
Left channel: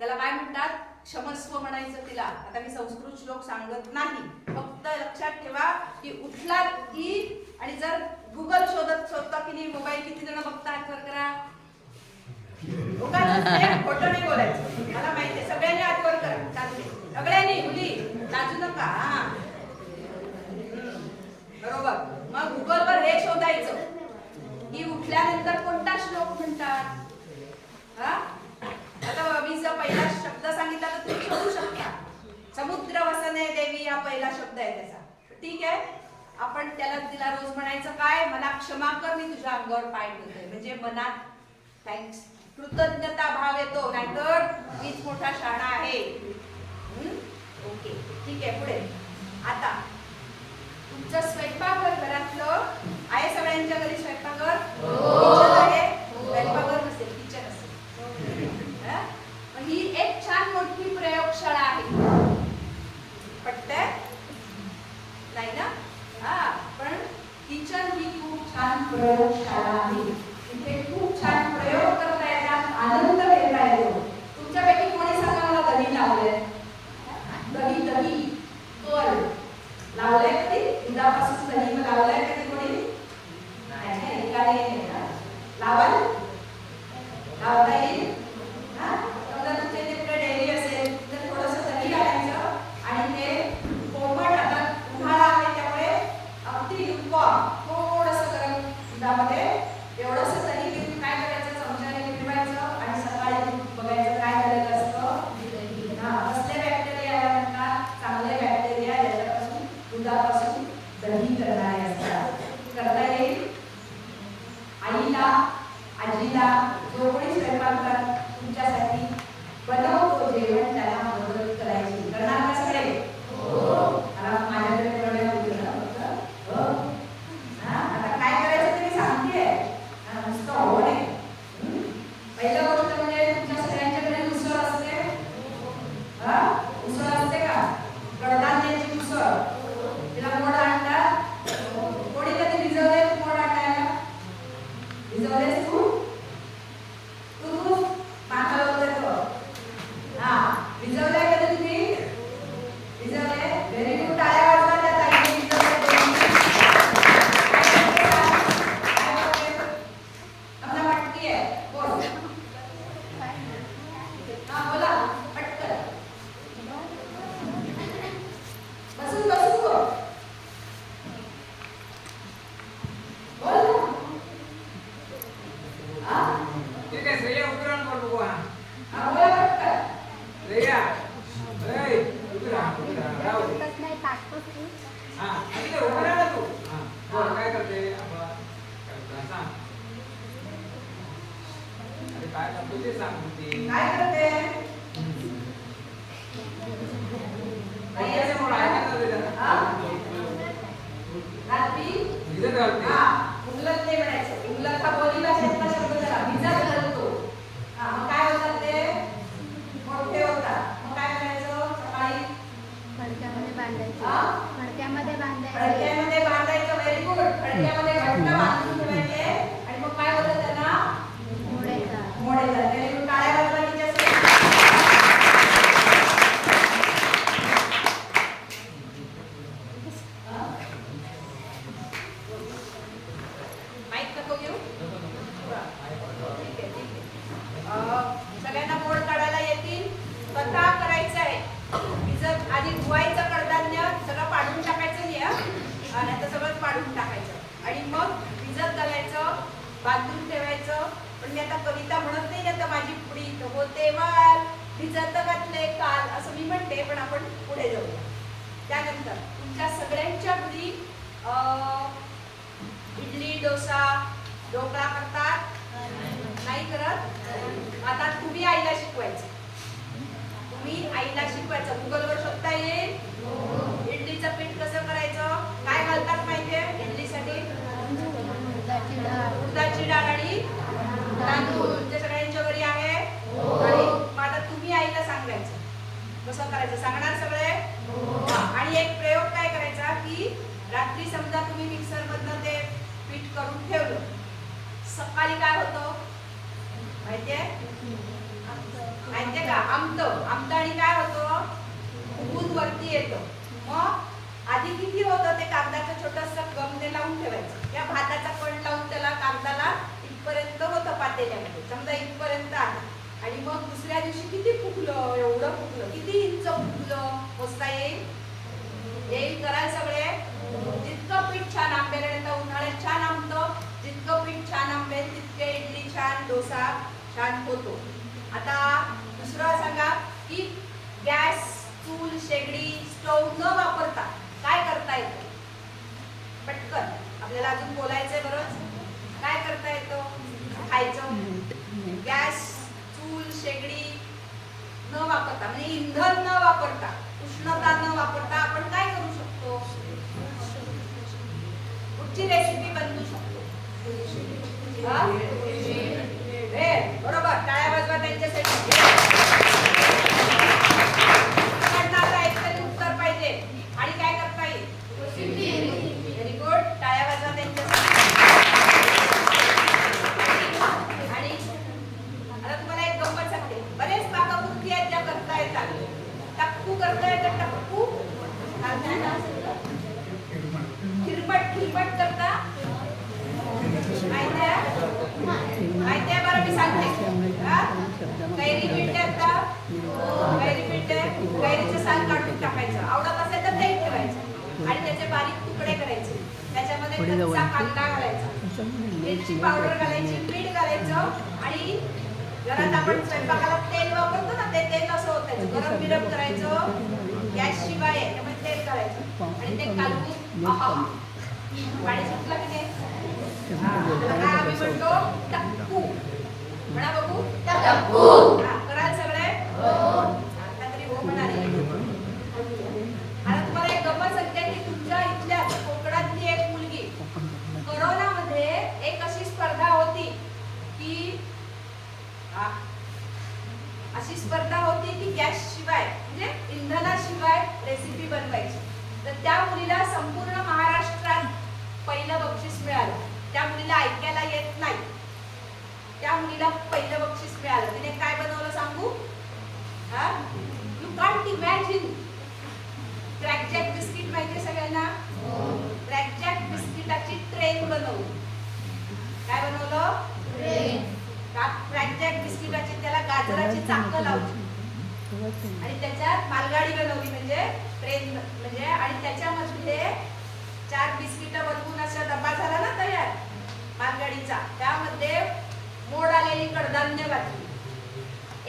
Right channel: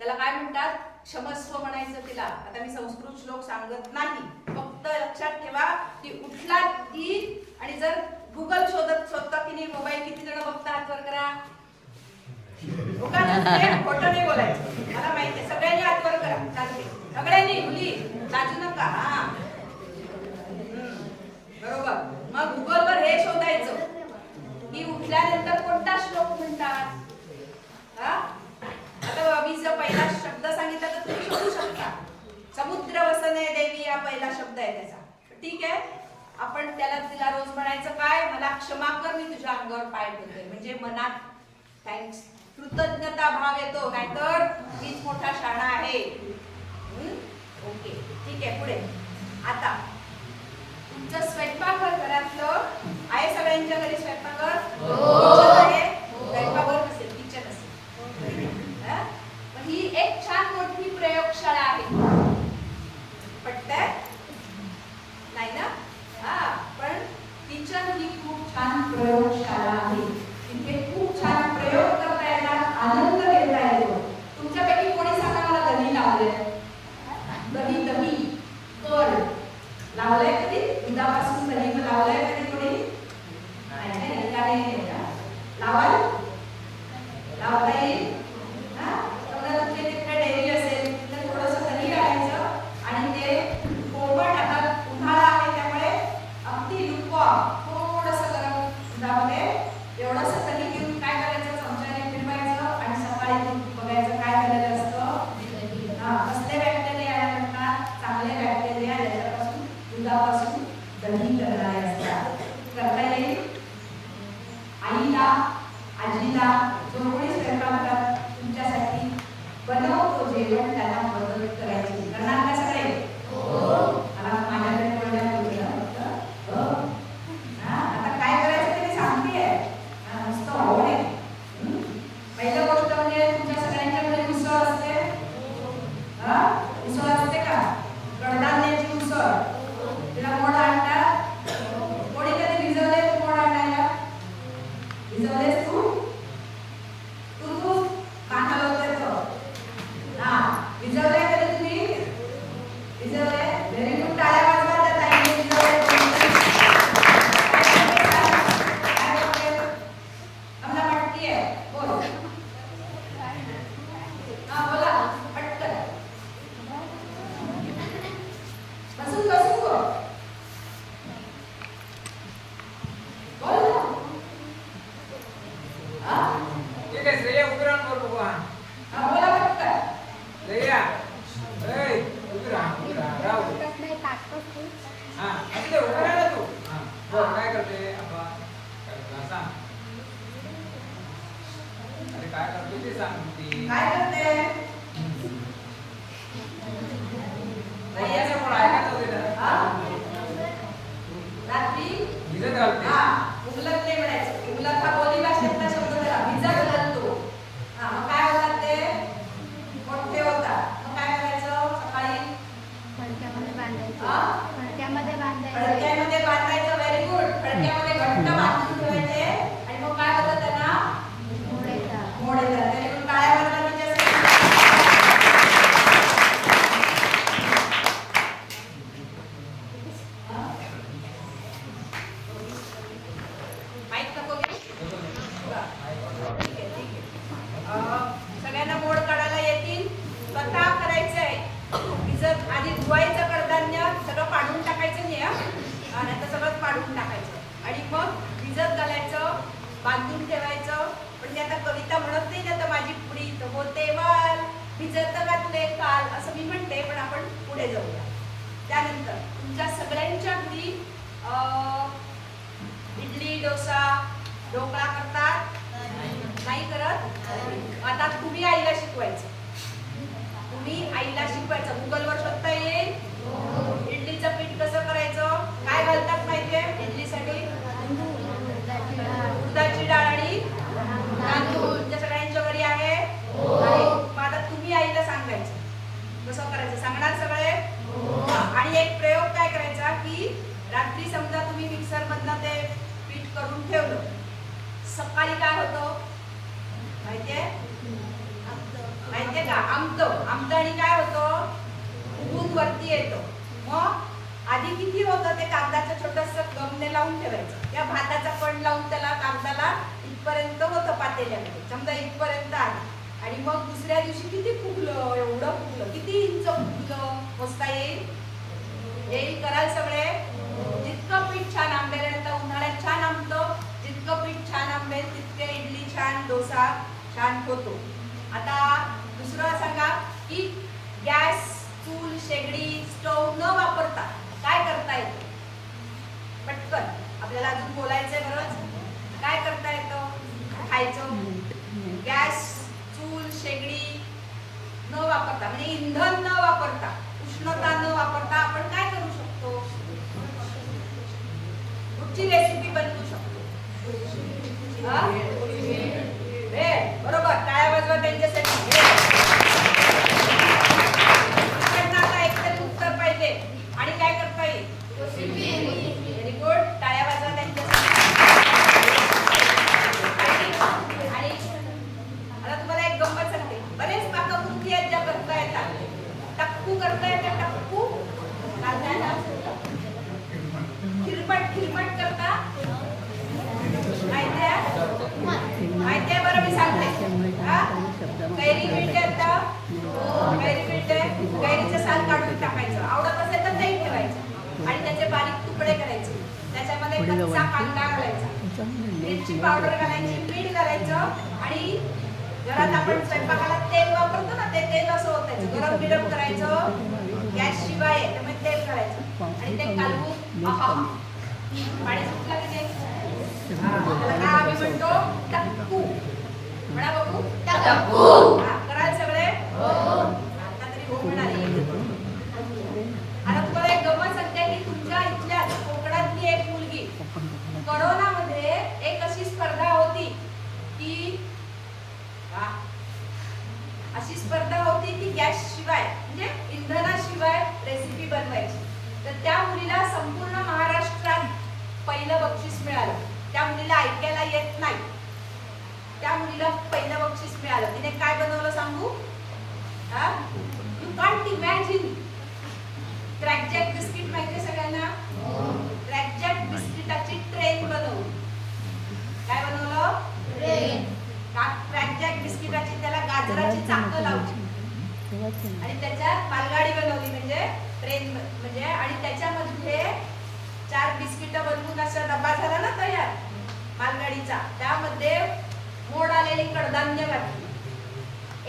त्याला काय म्हणतात? क्षमस्व म्हणायचं तिला. आता मी संस्कृत श्लोक सांगत नाही, फक्त लक्षात ठेवा की उठला की, आणि जर गुगल शोधता की नाही, मोबाईल किती जण बघता? हात वर करा. खोटं नाही बोलायचं, मला माहितीये. सगळ्यांनी हात वर करा. चालते सगळ्यांनी. मुली लाजू नका. हा, बरोबर. मग गुगल वर हे शोधायचं की उठल्यानंतर कोणता श्लोक म्हणतात. आता मी जो पहिला शब्द सांगितला तर तुम्ही शोधू शकता. समुद्र वसने देवी हा पहिला शब्द आहे त्याचा. ठीक आहे, आपण तिला रोज म्हणायचं काय? मला क्षमा कर, मी तुझ्या अंगावर पाय ठेवतोय. म्हणजे मनात थँक्स, कृतज्ञता भाव येतो, नाहीतर मीच मोठा शाणा आहे. ओके, ठीक आहे. पुढे आता तुमचं स्वयंपाकघर घरातलं आहे. सगळ्यांच्या घरी स्वयंपाकघर आहे. स्वयंपाकघर नसेल, किचन असेल. ही एक छान मोठी प्रयोगशाळा आहे. पटतंय? नाही ना? पण किचन ही खूप छान प्रयोगशाळा आहे. इथे खूप छान प्रयोग करता येतात, आनंद घेता येतो. तुमच्यापैकी कोणी सांगा मला दही लावले? दही कर लावलंय कधी? दुधापासून दही लावलंय कधी कोणी? नाही. लावाल? लावता येईल. समजा तुमच्या इथे डेअरी असेल तर उसळ असते का कडधान्याची उसळ तिला मोड आणतात कोणी कधी भिजवले मोड आणायला भिजवलेस तू तू मान हलवतोय तो हा भिजवले कधी तुम्ही भिजवले व्हेरी गुड टाळ्या वाजवा त्या ताईने भिजवले काय करते आमना पटकी आहे बोल हा बोला पटकन बसून बसून बोल बोल ना हा ठीक आहे श्रेया उतरण करतो का हा बोला पटकन श्रेया ए उतरा राहू दे. नाही टाकतोस तू हा अगदी उतरा ना तू हा बोल काय करते रे आम्हाला काय करते? सांग अरे काय करतो ते सांग ती काय करते नाही असं मला ऐकायचं होतं जरा. हा रात्री भिजत घालते. हा उलट ते म्हणायचं उलट हा बोली भाषेतला शब्द जरा भिजत घालतो हा मग काय होतात ते मोठे होतात मग काय करायचं सकाळी फडक्यामध्ये बांधायचं हा? फडक्यामध्ये बांधायचं फडक्यामध्ये बांधायचं व्हेरी गुड फडक्यामध्ये घट्ट बांधून ठेवायचे आणि मग काय होतं त्यांना मोडायचा मोड येतात व्हेरी गुड काळ्या वर्णाने जे असतं हा? माईक नको घेऊ ठीक आहे ठीक आहे सगळ्यांना मोड काढायला येतील स्वतः करायचंय भिजत आधी धुवायचं कडधान्य सगळं पाडून टाकायचं नाही आणि आता सगळं पाडून टाकायचं आणि मग भिजत घालायचं बांधून ठेवायचं पण ते आता कविता म्हणत नाही आता माझी पुडी तर होते वाल भिजत घातले काल असं मी म्हणते पण आपण पुढे जाऊया त्यानंतर तुमच्या सगळ्यांच्या घरी इडली डोसा ढोकळा करतात नाही करत आता तुम्ही आईला शिकवायचं तुम्ही आईला शिकवायचं गुगलवर शोधता येईल इडलीचं पीठ कसं करायचं काय घालतात माहितीये इडलीसाठी उडदाची डाळ आणि तांदूळ तुमच्या सगळ्यांच्या घरी आहे आणि मग आता तुम्ही आईला सांगायचं कसं करायचं सांगणार सगळे हा. आणि एक प्रयोग काय करायचा की रात्री समजा तुम्ही मिक्सर मधनं ते पीठ करून ठेवलं सकाळी काय होतं माहितीये का आमतं आणि काय होतं ऊन वरती येतं मग आधी किती होतं ते कागदाचं छोटंसं गमने लावून ठेवायचं या भाताचा कण लावून त्याला कागदाला इथपर्यंत होतं पातेल्यामध्ये समजा इथपर्यंत आहे आणि मग दुसऱ्या दिवशी किती फुगलं एवढं फुगलं किती इंच फुगलं मोजता येईल कराल सगळे जितकं पीठ छान आंबेल आणि आता उन्हाळ्यात छान आंबतं जितकं पीठ छान आंबेल तितके इडली छान डोसा छान होतो आता दुसरं सांगा की गॅस चूल शेगडी स्टोव न वापरता काय करता येतं पटकन आपल्याला अजून बोलायचंय बरोबर काय करता येतं खायचं गॅस चूल शेगडी न वापरता म्हणजे इंधन न वापरता उष्णता न वापरता आपण काय करू शकतो कुठची रेसिपी बनवू शकतो बरोबर टाळ्या वाजवा त्यांच्यासाठी आता एकतरी उत्तर पाहिजे आणि काय करता येईल व्हेरी गुड टाळ्या वाजवा त्यांच्यासाठी आणि आता तुम्हाला एक गंमत सांगते बरेच पाककृती आहेत ज्या करता येतात टक्कू करता येतं टक्कू खिरमट करता माहिती आहे बरं मी सांगते कैरी पीठ कैरीचं साल काढून टाकायचं आवडत असेल तर ते ठेवायचं आणि त्याचे बारीक तुकडे करायचे त्याच्यामध्ये कच्चा कांदा घालायचा मिरची पावडर घालायची मीठ घालायचं आणि घरात आपण स्वयंपाकाला तेल वापरतो ना ते तेल असं होतं गरम बिरम करायचं गॅस शिवाय आहे त्यामुळे तेल घालायचं आणि ते कालवून पाणी सुटलं की नाही आम्ही म्हणतो टक्कू म्हणा बघू टक्कू कराल सगळे आता तरी हो म्हणाली आता तुम्हाला एक गंमत सांगते की तुमच्या इथल्या कोकणातली एक मुलगी करोनामध्ये एक अशी स्पर्धा होती की अशी स्पर्धा होती की गॅस शिवाय म्हणजे इंधना रेसिपी बनवायची. तर त्या मुलीला संपूर्ण महाराष्ट्रात पहिलं बक्षीस मिळालं. त्या मुलीला ऐकायला येत नाही, त्या मुलीला पहिलं बक्षीस मिळालं. तिने काय बनवलं सांगू? You can't imagine. Krackjack biscuit माहिती सगळ्यांना? क्रॅकजॅक बिस्किटाची ट्रेन बनवली. काय बनवलं? क्रॅकजॅक बिस्किटाची त्याला गाजराची चाकं लावली आणि त्याच्यात मालगाडी बनवली, म्हणजे ट्रेन म्हणजे. आणि त्याच्यामध्ये 4 बिस्किट बनवून असा डब्बा झाला ना तयार मालगाडीचा. त्यामध्ये मोड आलेली कडधान्य घातली,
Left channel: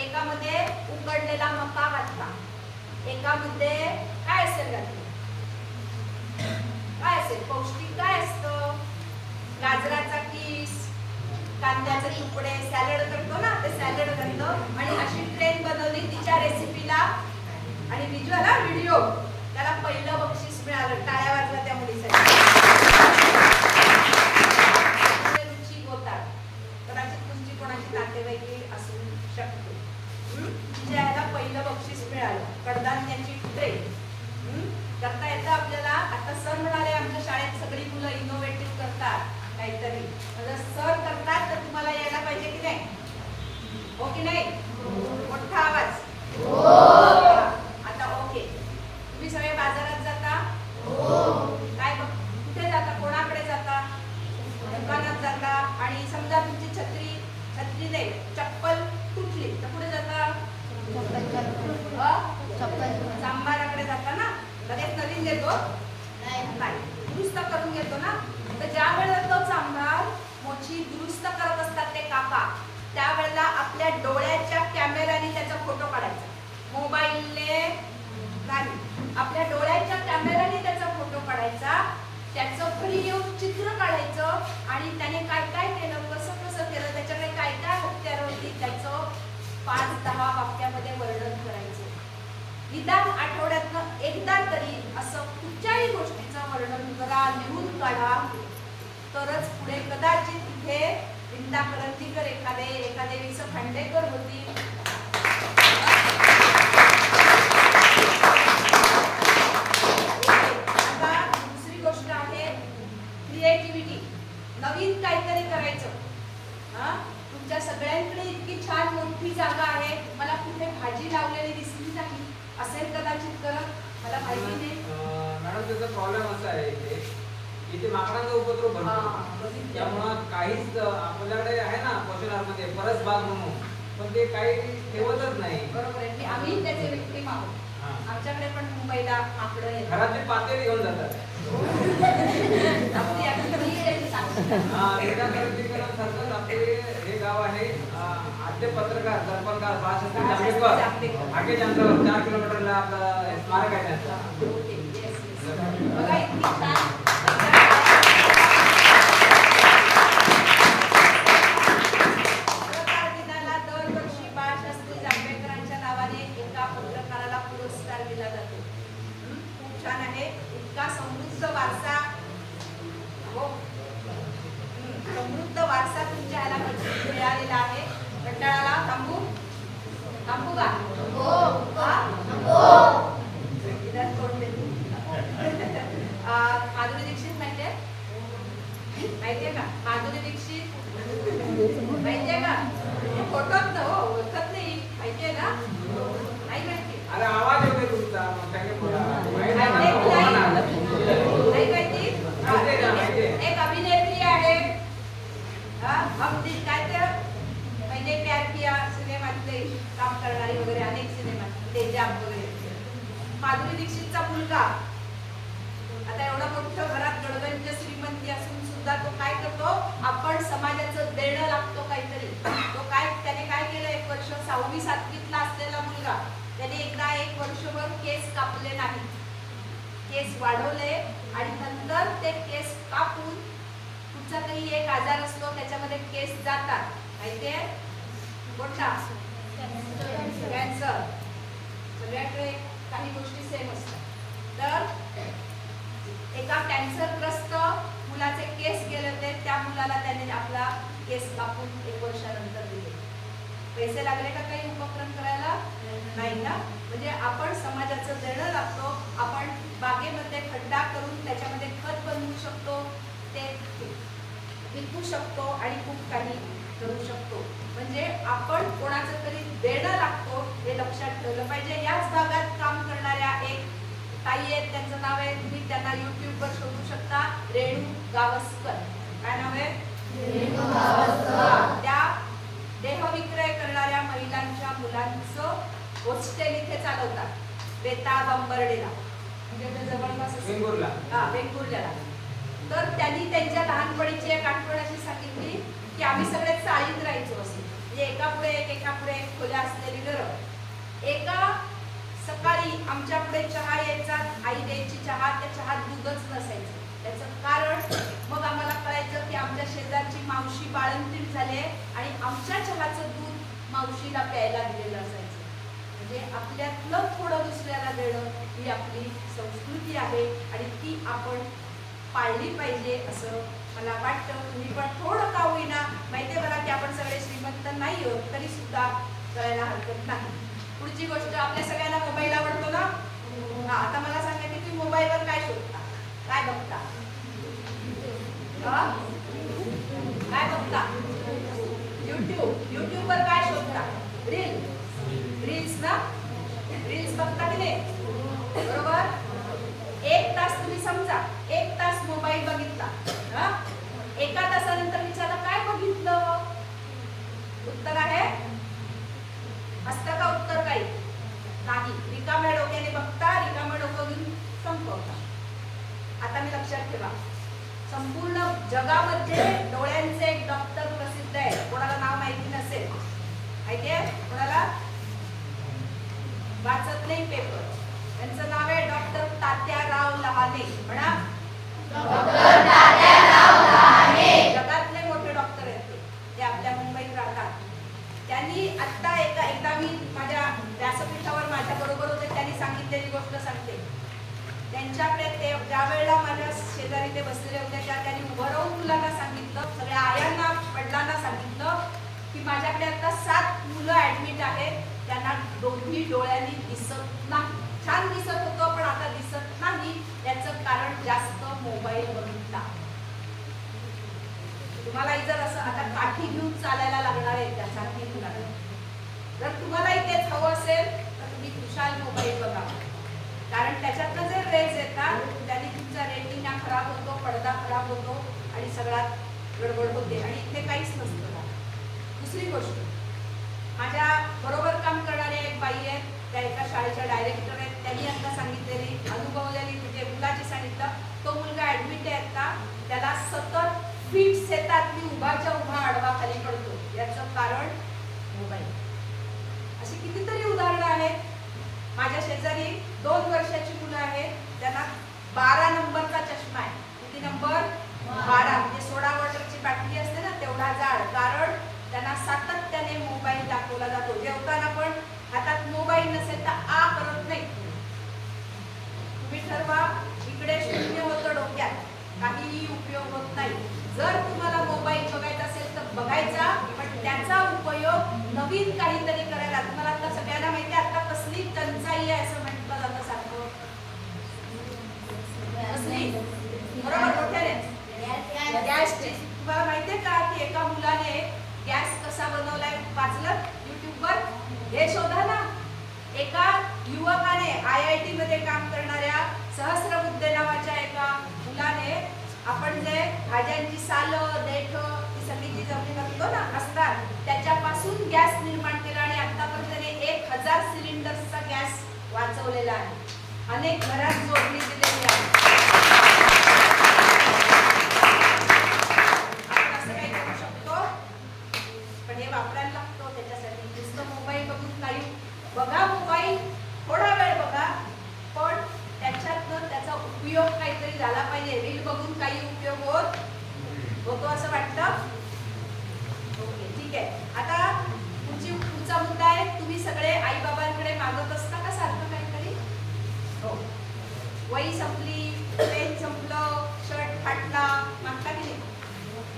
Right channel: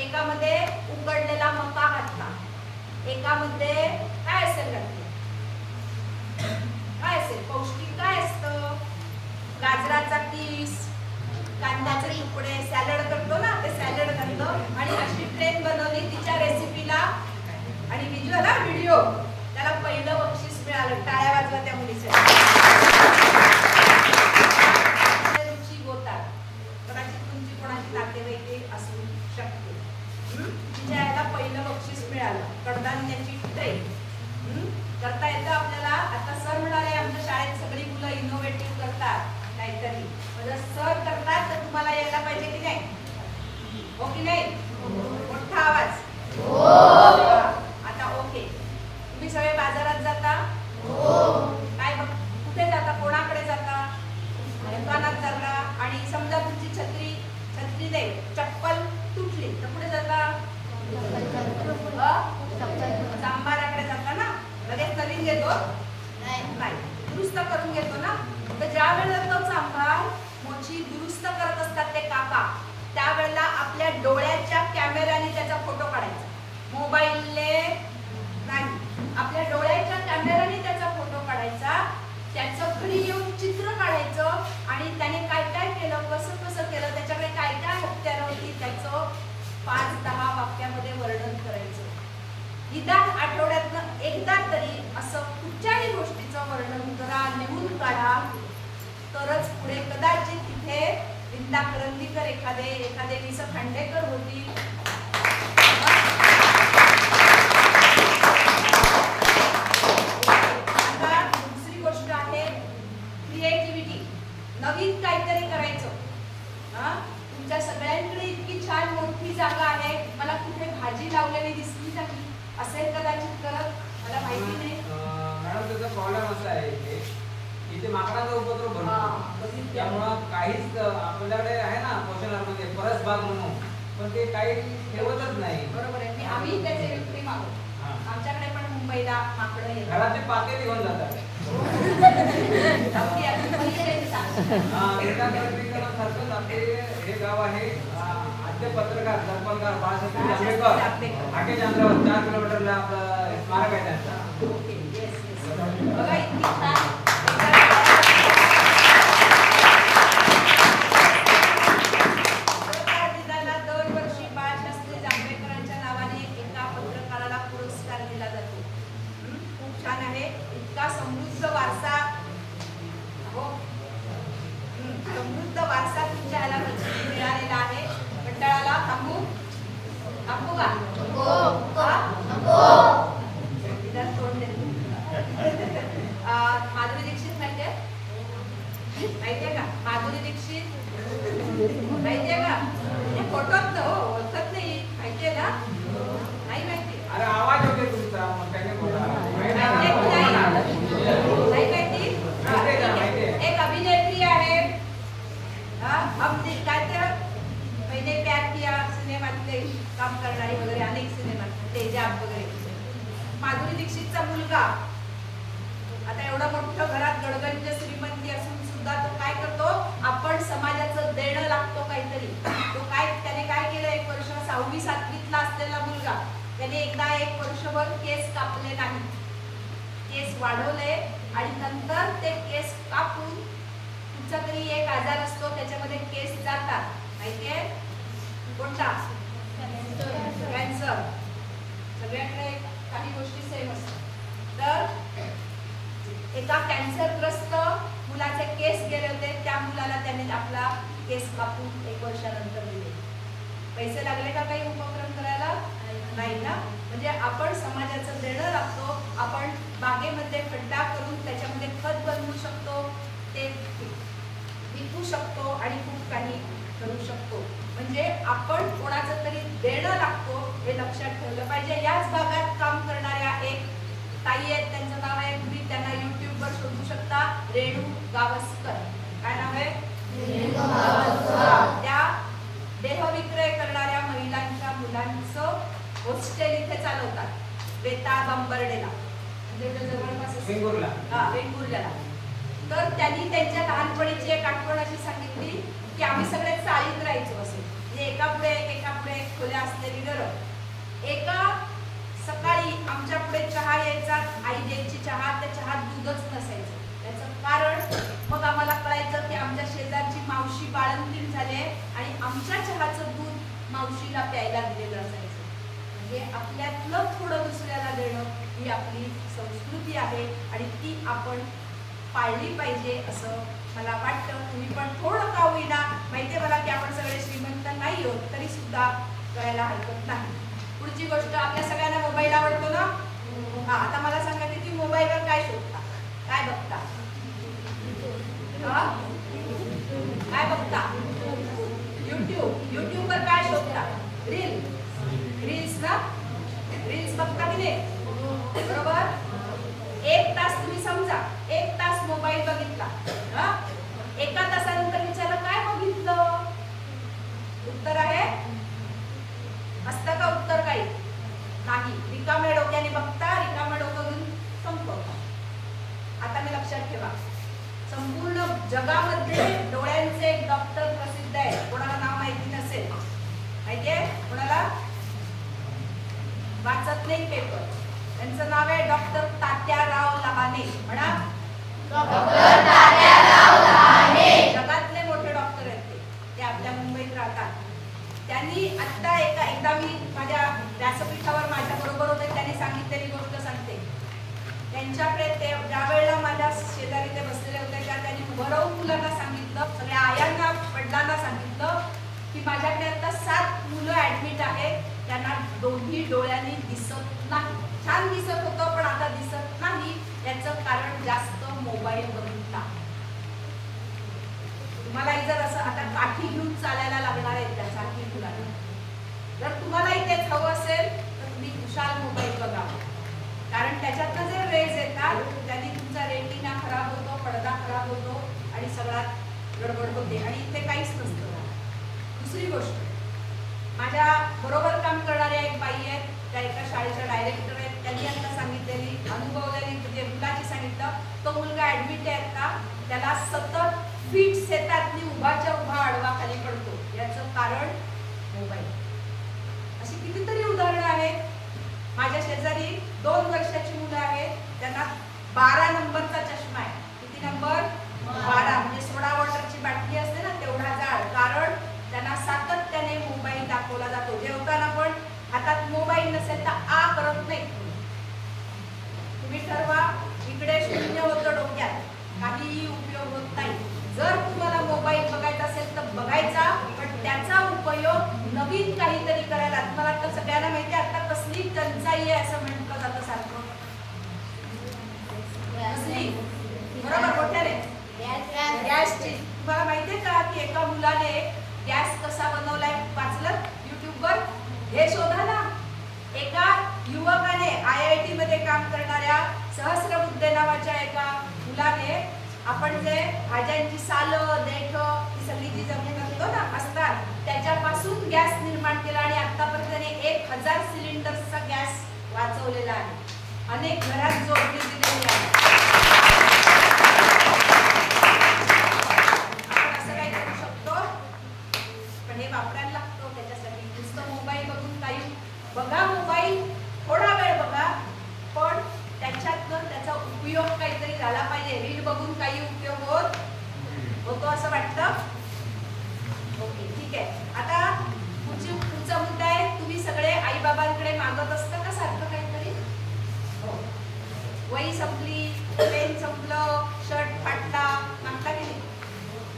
एकामध्ये उकडलेला मका घातला, एकामध्ये काय असेल घातली? काय असेल पौष्टिक? काय असतं? गाजराचा किस, कांद्याचे तुकडे, सॅलड करतो ना ते सॅलड घातलं आणि अशी ट्रेन बनवली तिच्या रेसिपीला. आणि व्हिज्युअल व्हिडिओ, त्याला पहिलं बक्षीस मिळालं. टाळ्या वाजवा त्या मुलीसाठी. रुची गोताळ, कदाचित तुमची कोणाची नातेवाईक असू शकते. तिच्या याला पहिलं बक्षीस मिळालं, कडधान्याची ट्रेन. करता येतं आपल्याला. आता सर म्हणाले आमच्या शाळेत सगळी मुलं इनोव्हेटिव्ह करतात काहीतरी. म्हणजे सर करतात तर तुम्हाला यायला पाहिजे की नाही? हो की नाही? मोठा आवाज. आता ओके. तुम्ही सगळे बाजारात जाता? काय कुठे जाता? कोणाकडे जाता? दुकानात जाता. आणि समजा तुमची छत्री नाही, चप्पल तुटली तर कुठे जाता? चांभाराकडे जाता ना. लगेच नवीन घेतो नाही, दुरुस्त करून घेतो ना. तर ज्या वेळेला तो चांभार मोची दुरुस्त करत असतात ते काका, त्यावेळेला आपल्या डोळ्याच्या कॅमेऱ्याने त्याचा फोटो काढायचा, मोबाईलने नाही. आपल्या डोळ्याच्या कॅमेऱ्याने त्याचा फोटो काढायचा, त्याचं घरी येऊन चित्र काढायचं आणि त्याने काय काय केलं, कसं कसं केलं, त्याच्याकडे काय काय हत्यारं होती, त्याचं 5-10 वाक्यामध्ये वर्णन करायचं. निदान आठवड्यातनं एकदा तरी असं कुठच्याही गोष्टीचं वर्णन करा, लिहून काढा. तरच पुढे कदाचित इथे विंदा करंदीकर एखादे वि. स. खांडेकर होतील. आता दुसरी गोष्ट आहे क्रिएटिव्हिटी. नवीन काहीतरी करायचं. तुमच्या सगळ्यांकडे इतकी छान मोठी जागा आहे, मला कुठे भाजी लावलेली दिसली नाही असेल कदाचित करत, मला माहिती नाही. मॅडम त्याचा प्रॉब्लेम असा आहे इथे माकडांचा उपद्रव भरतो, त्यामुळं काहीच आपल्याकडे आहे ना पोषणामध्ये परस बाग म्हणून, पण ते काही ठेवतच नाही. बरोबर आहे. आम्ही त्याचे व्यक्ती मागतो. आमच्याकडे पण मुंबईला माकडं येतात. घरातले पातेली घेऊन जातात. आपली मुली त्यांनी सांगितलं. एका करंदीकरांसारखंच आपले हे गाव आहे. आद्य पत्रकार दर्पणकार बाळासाहेब जांभेकर हाकेच्या अंतरावर 4 किलोमीटरला आपला स्मारक आहे त्यांचा. Okay, yes yes. बघा इतकी छान. पत्रकार दिनाला दरवर्षी बाळशास्त्री जांभेकरांच्या नावाने एका पत्रकाराला पुरस्कार दिला जातो. खूप छान आहे. इतका समृद्ध वारसा, हो समृद्ध वारसा तुमच्या ह्याला मिळालेला आहे. मंडळाला थांबू का? इधर तोड देतो. माधुरी दीक्षित माहितीये का? माधुरी दीक्षित माहितीये का? फोटोत न हो, ओळखत नाही. माहितीये ना? नाही माहिती. अरे आवाज येते तुमचा, नाही माहिती. एक अभिनेत्री आहे, हम दिल काय ते मैंने प्यार किया सिनेमातले काम करणारी वगैरे अनेक सिनेमात तेजाब वगैरे. माधुरी दीक्षितचा मुलगा आता एवढं मोठं घरात गडगंज श्रीमंती असून सुद्धा तो काय करतो, आपण समाजाचं देणं लागतो काहीतरी. तो त्याने काय केलं, 1 वर्ष 6वी-7वीतला असलेला मुलगा, त्याने एकदा 1 वर्षभर केस कापले नाही, केस वाढवले आणि नंतर ते केस कापून कुठचा तरी एक आजार असतो त्याच्यामध्ये केस जातात. माहितीये कोणता? कॅन्सर. सगळ्याकडे काही गोष्टी सेम असतात. तर एका कॅन्सरग्रस्त मुलाचे केस गेले होते, त्या मुलाला त्याने आपला केस कापून 1 वर्षानंतर दिले. पैसे लागले का काही उपक्रम करायला? नाही ना. म्हणजे आपण समाजाचं देणं लागतो वेताळ बांबर्डेला, म्हणजे इथे जवळपास असेल. वेंगुर्ला. हा, वेंगुर्ल्याला. तर त्यांनी त्यांच्या लहानपणीची एक आठवण अशी सांगितली की आम्ही सगळे चाळीत राहायचो असे, म्हणजे एका पुढे एक खोल्या असलेली घरं. एका सकाळी आमच्या पुढे चहा यायचा, आई द्यायची चहा, त्या चहात दूधच नसायचं. त्याचं कारण मग आम्हाला कळायचं की आमच्या शेजारची मावशी बाळंतीण झाले आणि आमच्या चहाचं दूध मावशीला प्यायला दिलेलं असायचं. म्हणजे आपल्यातलं थोडं दुसऱ्याला देणं ही आपली संस्कृती आहे आणि ती आपण पाळली पाहिजे असं मला वाटतं. तुम्ही पण थोडं का होईना, माहितीये मला की आपण सगळे श्रीमंत नाही आहोत, तरी सुद्धा करायला हरकत नाही. पुढची गोष्ट, आपल्या सगळ्यांना मोबाईल आवडतो ना? हा, आता मला सांगा की तुम्ही मोबाईलवर काय शोधता, काय बघता? हा? काय बघता? युट्यूबवर काय शोधता? रील्स ना? रील्स बघता की नाही? बरोबर. 1 तास तुम्ही समजा 1 तास मोबाईल बघितला, हा? एका तासानंतर विचारलं काय बघितलं? उत्तर आहे असतं का उत्तर? काही नाही. रिकाम्या डोक्याने बघता, रिकाम्या डोकं घेऊन संपवता. आता मी लक्षात ठेवा, संपूर्ण जगामध्ये डोळ्यांचे एक डॉक्टर प्रसिद्ध आहे. कोणाला नाव माहिती नसेल, माहितीये कोणाला? वाचत नाही पेपर. त्यांचं नाव आहे डॉक्टर तात्याराव लहाने. म्हणा, डॉक्टर तात्याराव लहाने. जगातले मोठे डॉक्टर आहेत ते आपल्या मुंबईत राहतात. त्यांनी आता एकदा मी माझ्या व्यासपीठावर माझ्या बरोबर होते, त्यांनी सांगितलेली गोष्ट सांगते. त्यांच्याकडे ते ज्या वेळेला माझ्या शेजारी ते बसलेले होते, त्यांनी उभं राहून मुलांना सांगितलं, सगळ्या आयांना वडिलांना सांगितलं की माझ्याकडे आता 7 मुलं ऍडमिट आहेत, त्यांना दोन्ही डोळ्यांनी दिसत नाही. छान दिसत होतं पण आता दिसत नाही. याचं कारण जास्त मोबाईल बघितला. तुम्हाला जर असं आता काठी घेऊन चालायला लागणार आहे त्यासाठी मुलांना, जर तुम्हालाही तेच हवं असेल तर तुम्ही खुशाल मोबाईल बघावा. कारण त्याच्यातनं जे रेज येतात त्यांनी तुमचा रेटिना खराब होतो, पडदा खराब होतो आणि सगळ्यात गडबड होते आणि इथे काहीच नसतं. दुसरी गोष्ट, माझ्या बरोबर काम करणाऱ्या एक बाई आहेत, त्या एका शाळेच्या डायरेक्टर आहेत. त्यांनी आता सांगितलेली अनुभवलेली म्हणजे मुलाची सांगितलं, तो मुलगा ऍडमिट आहे आता, त्याला सतत फिट्स येतात, मी उभाच्या उभा आडवा खाली पडतो. याचं कारण मोबाईल. अशी कितीतरी उदाहरणं आहेत. माझ्या शेजारी 2 वर्षाची मुलं आहेत, त्यांना 12 नंबरचा चष्मा आहे. किती नंबर? 12. म्हणजे सोडा वॉटरची बाटली असते ना तेवढा जाड. कारण त्यांना सातत्याने मोबाईल दाखवला जातो. जेवताना पण हातात मोबाईल नसेल तर आ करत नाही. तुम्ही ठरवा, इकडे 0 होतं डोक्यात, काहीही उपयोग होत नाही. जर तुम्हाला मोबाईल बघायचा असेल तर बघायचा, पण त्याचा उपयोग नवीन काहीतरी करायला. तुम्हाला आता सगळ्यांना माहिती आहे आता कसली टंचाई आहे असं म्हटलं जातं सारखं. कसली? बरोबर, मोठ्याने गॅसची. तुम्हाला माहितीये का की एका मुलाने गॅस कसा बनवलाय वाचलं युट्यूबवर? हे शोधा ना. एका युवकाने IIT मध्ये काम करणाऱ्या सहस्रबुद्धे नावाच्या एका मुलाने, आपण जे भाज्यांची सालं, देठ ही सगळी जी जमीन असतो ना असतात त्याच्यापासून गॅस निर्माण केला आणि आतापर्यंत त्याने 1000 सिलेंडर्सचा गॅस वाचवलेला आहे. अनेक घरात जोडणी दिलेली आहे. आपण असं काही करू शकतो, पण हे वापरायला लागतो. त्याच्यासाठी नुसतं मोबाईल बघून काही बघा, मोबाईल थोडा वेळ बघा, पण त्याच्यातनं त्याचा उपयोग काहीतरी झाला पाहिजे. रील बघून काही उपयोग होतो असं वाटतं? ओके, ठीक आहे. आता पुढचा मुद्दा आहे, तुम्ही सगळे आई बाबांकडे मागत असता का सारखं काहीतरी? हो. वही संपली, पेन संपलं, शर्ट फाटला, मागता की नाही?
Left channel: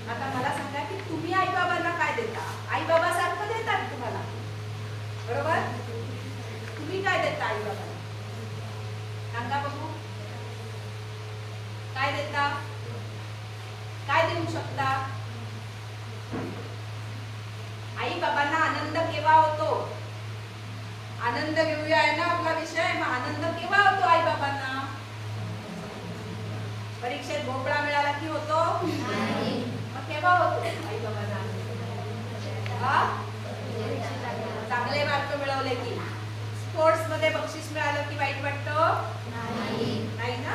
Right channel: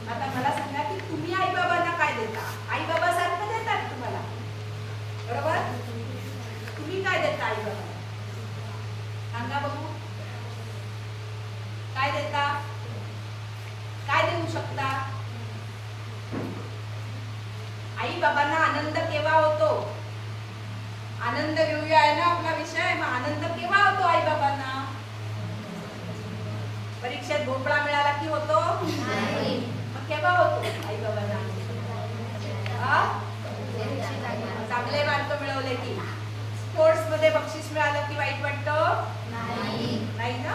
आता मला सांगा की तुम्ही आई बाबांना काय देता? आई बाबा सारखं देतात तुम्हाला, बरोबर? तुम्ही काय देता आई बाबांना? सांगा बघू, काय देता? काय देऊ शकता? आई बाबांना आनंद केव्हा होतो? आनंद घेऊया आहे ना आपला विषय. मग आनंद केव्हा होतो आई बाबांना? परीक्षेत भोपळा मिळाला की होतो? मग केव्हा होतो आई बाबांना? चांगले मार्क मिळवले की. स्पोर्ट्स मध्ये बक्षीस मिळालं की वाईट वाटतं? नाही ना.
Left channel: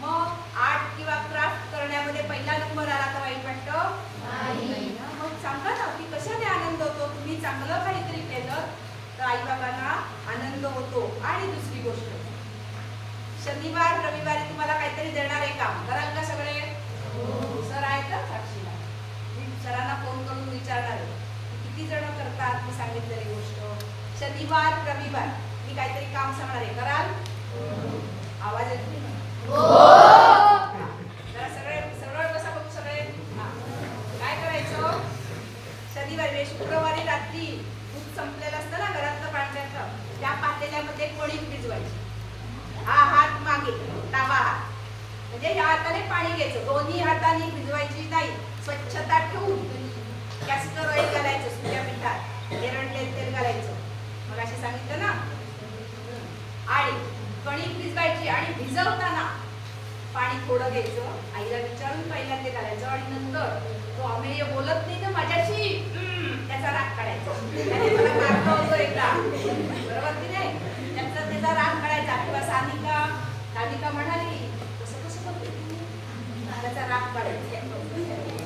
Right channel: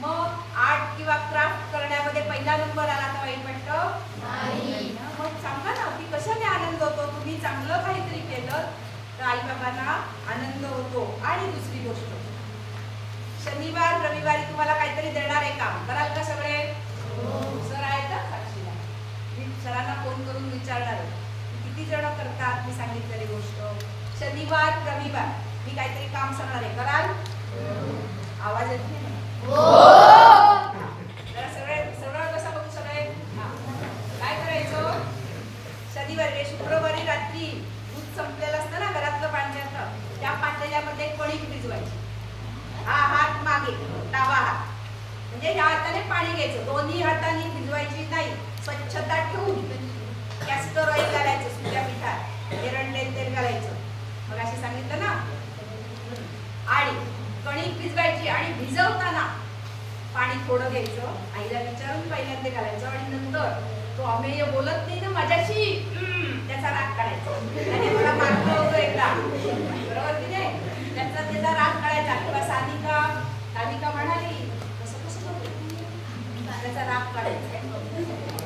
मग आर्ट किंवा क्राफ्ट करण्यामध्ये पहिला नंबर आला तर वाईट वाटतं? नाही ना. मग सांगा ना की कशाने आनंद होतो? तुम्ही चांगलं काहीतरी केलं तर आई बाबांना आनंद होतो. आणि दुसरी गोष्ट, शनिवार रविवारी तुम्हाला काहीतरी देणार आहे काम, कराल का सगळे? सर आहेत का साक्षी? मी सरांना फोन करून विचारणार आहे की किती जण करतात मी सांगितलेली गोष्ट. शनिवार रविवार मी काहीतरी काम सांगणार आहे, कराल? आवाज येत नाही मला. जरा सगळे सरळ बसा बघू सगळे. काय करायचं? शनिवारी शुक्रवारी रात्री दूध संपलेलं असतं ना घरातलं पाण्याचं, त्या पातेल्यामध्ये कणिक भिजवायची. हा हात मागे, डावा हात, म्हणजे ह्या हाताने पाणी घ्यायचं, दोन्ही हाताने भिजवायची नाही. स्वच्छता ठेवून कॅस्टर ऑइल घालायचं, सुक्या पिठात एरंडले तेल घालायचं, मग असे सांगितलं ना. आणि कणिक भिजवायची आणि भिजवताना पाणी थोडं घ्यायचं, आईला विचारून पहिल्यांदा घालायचं. आणि नंतर तो अमेय बोलत नाही तर माझ्याशी त्याचा राग काढायचा. त्याने मला मारलं होतं एकदा, बरोबर की नाही? त्याचा राग काढायचा. किंवा सानिका म्हणाली कसं कसं करतो, त्याचा राग काढायचा.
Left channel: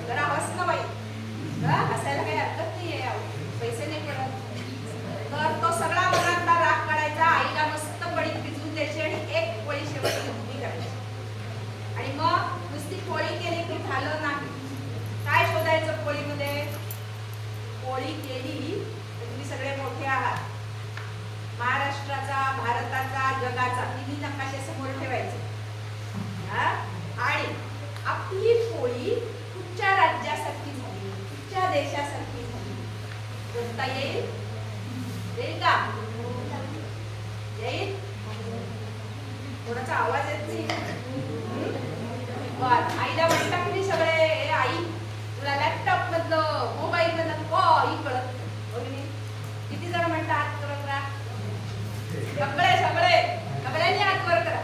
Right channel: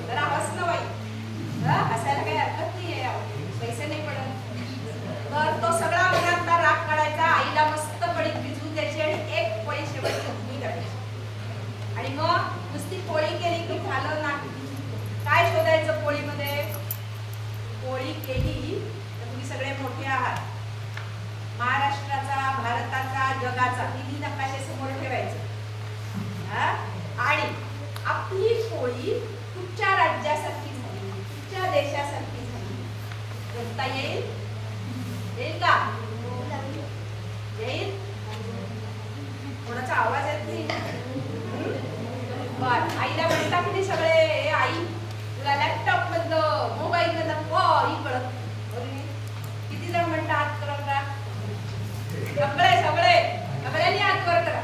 जरा हस ना बाई, हसायला काही हरकत नाहीये, पैसे नाही पडत. तर तो सगळा मनातला राग काढायचा, आईला मस्त पळीत भिजवून द्यायची आणि एक पोळी शेवटची उभी करायची. आणि मग नुसती पोळी केली की झालं नाही. काय शोधायचं पोळीमध्ये? पोळी केली तर तुम्ही सगळे मोठे आहात, महाराष्ट्राचा, भारताचा, जगाचा तिन्ही नकाशे समोर ठेवायचे. आणि आपली पोळी कुठच्या राज्यासारखी झाली, कुठच्या देशासारखी झाली म्हणता येईल? येईल का? येईल? कोणाचा आवाज येत नाही. बर, आईला म्हणता की नाही सगळे, आई तुला लॅपटॉप मधलं मोबाईल मधलं काही कळत नाही. किती जण म्हणता हात करा करा? सगळ्यांनी हात वर करा.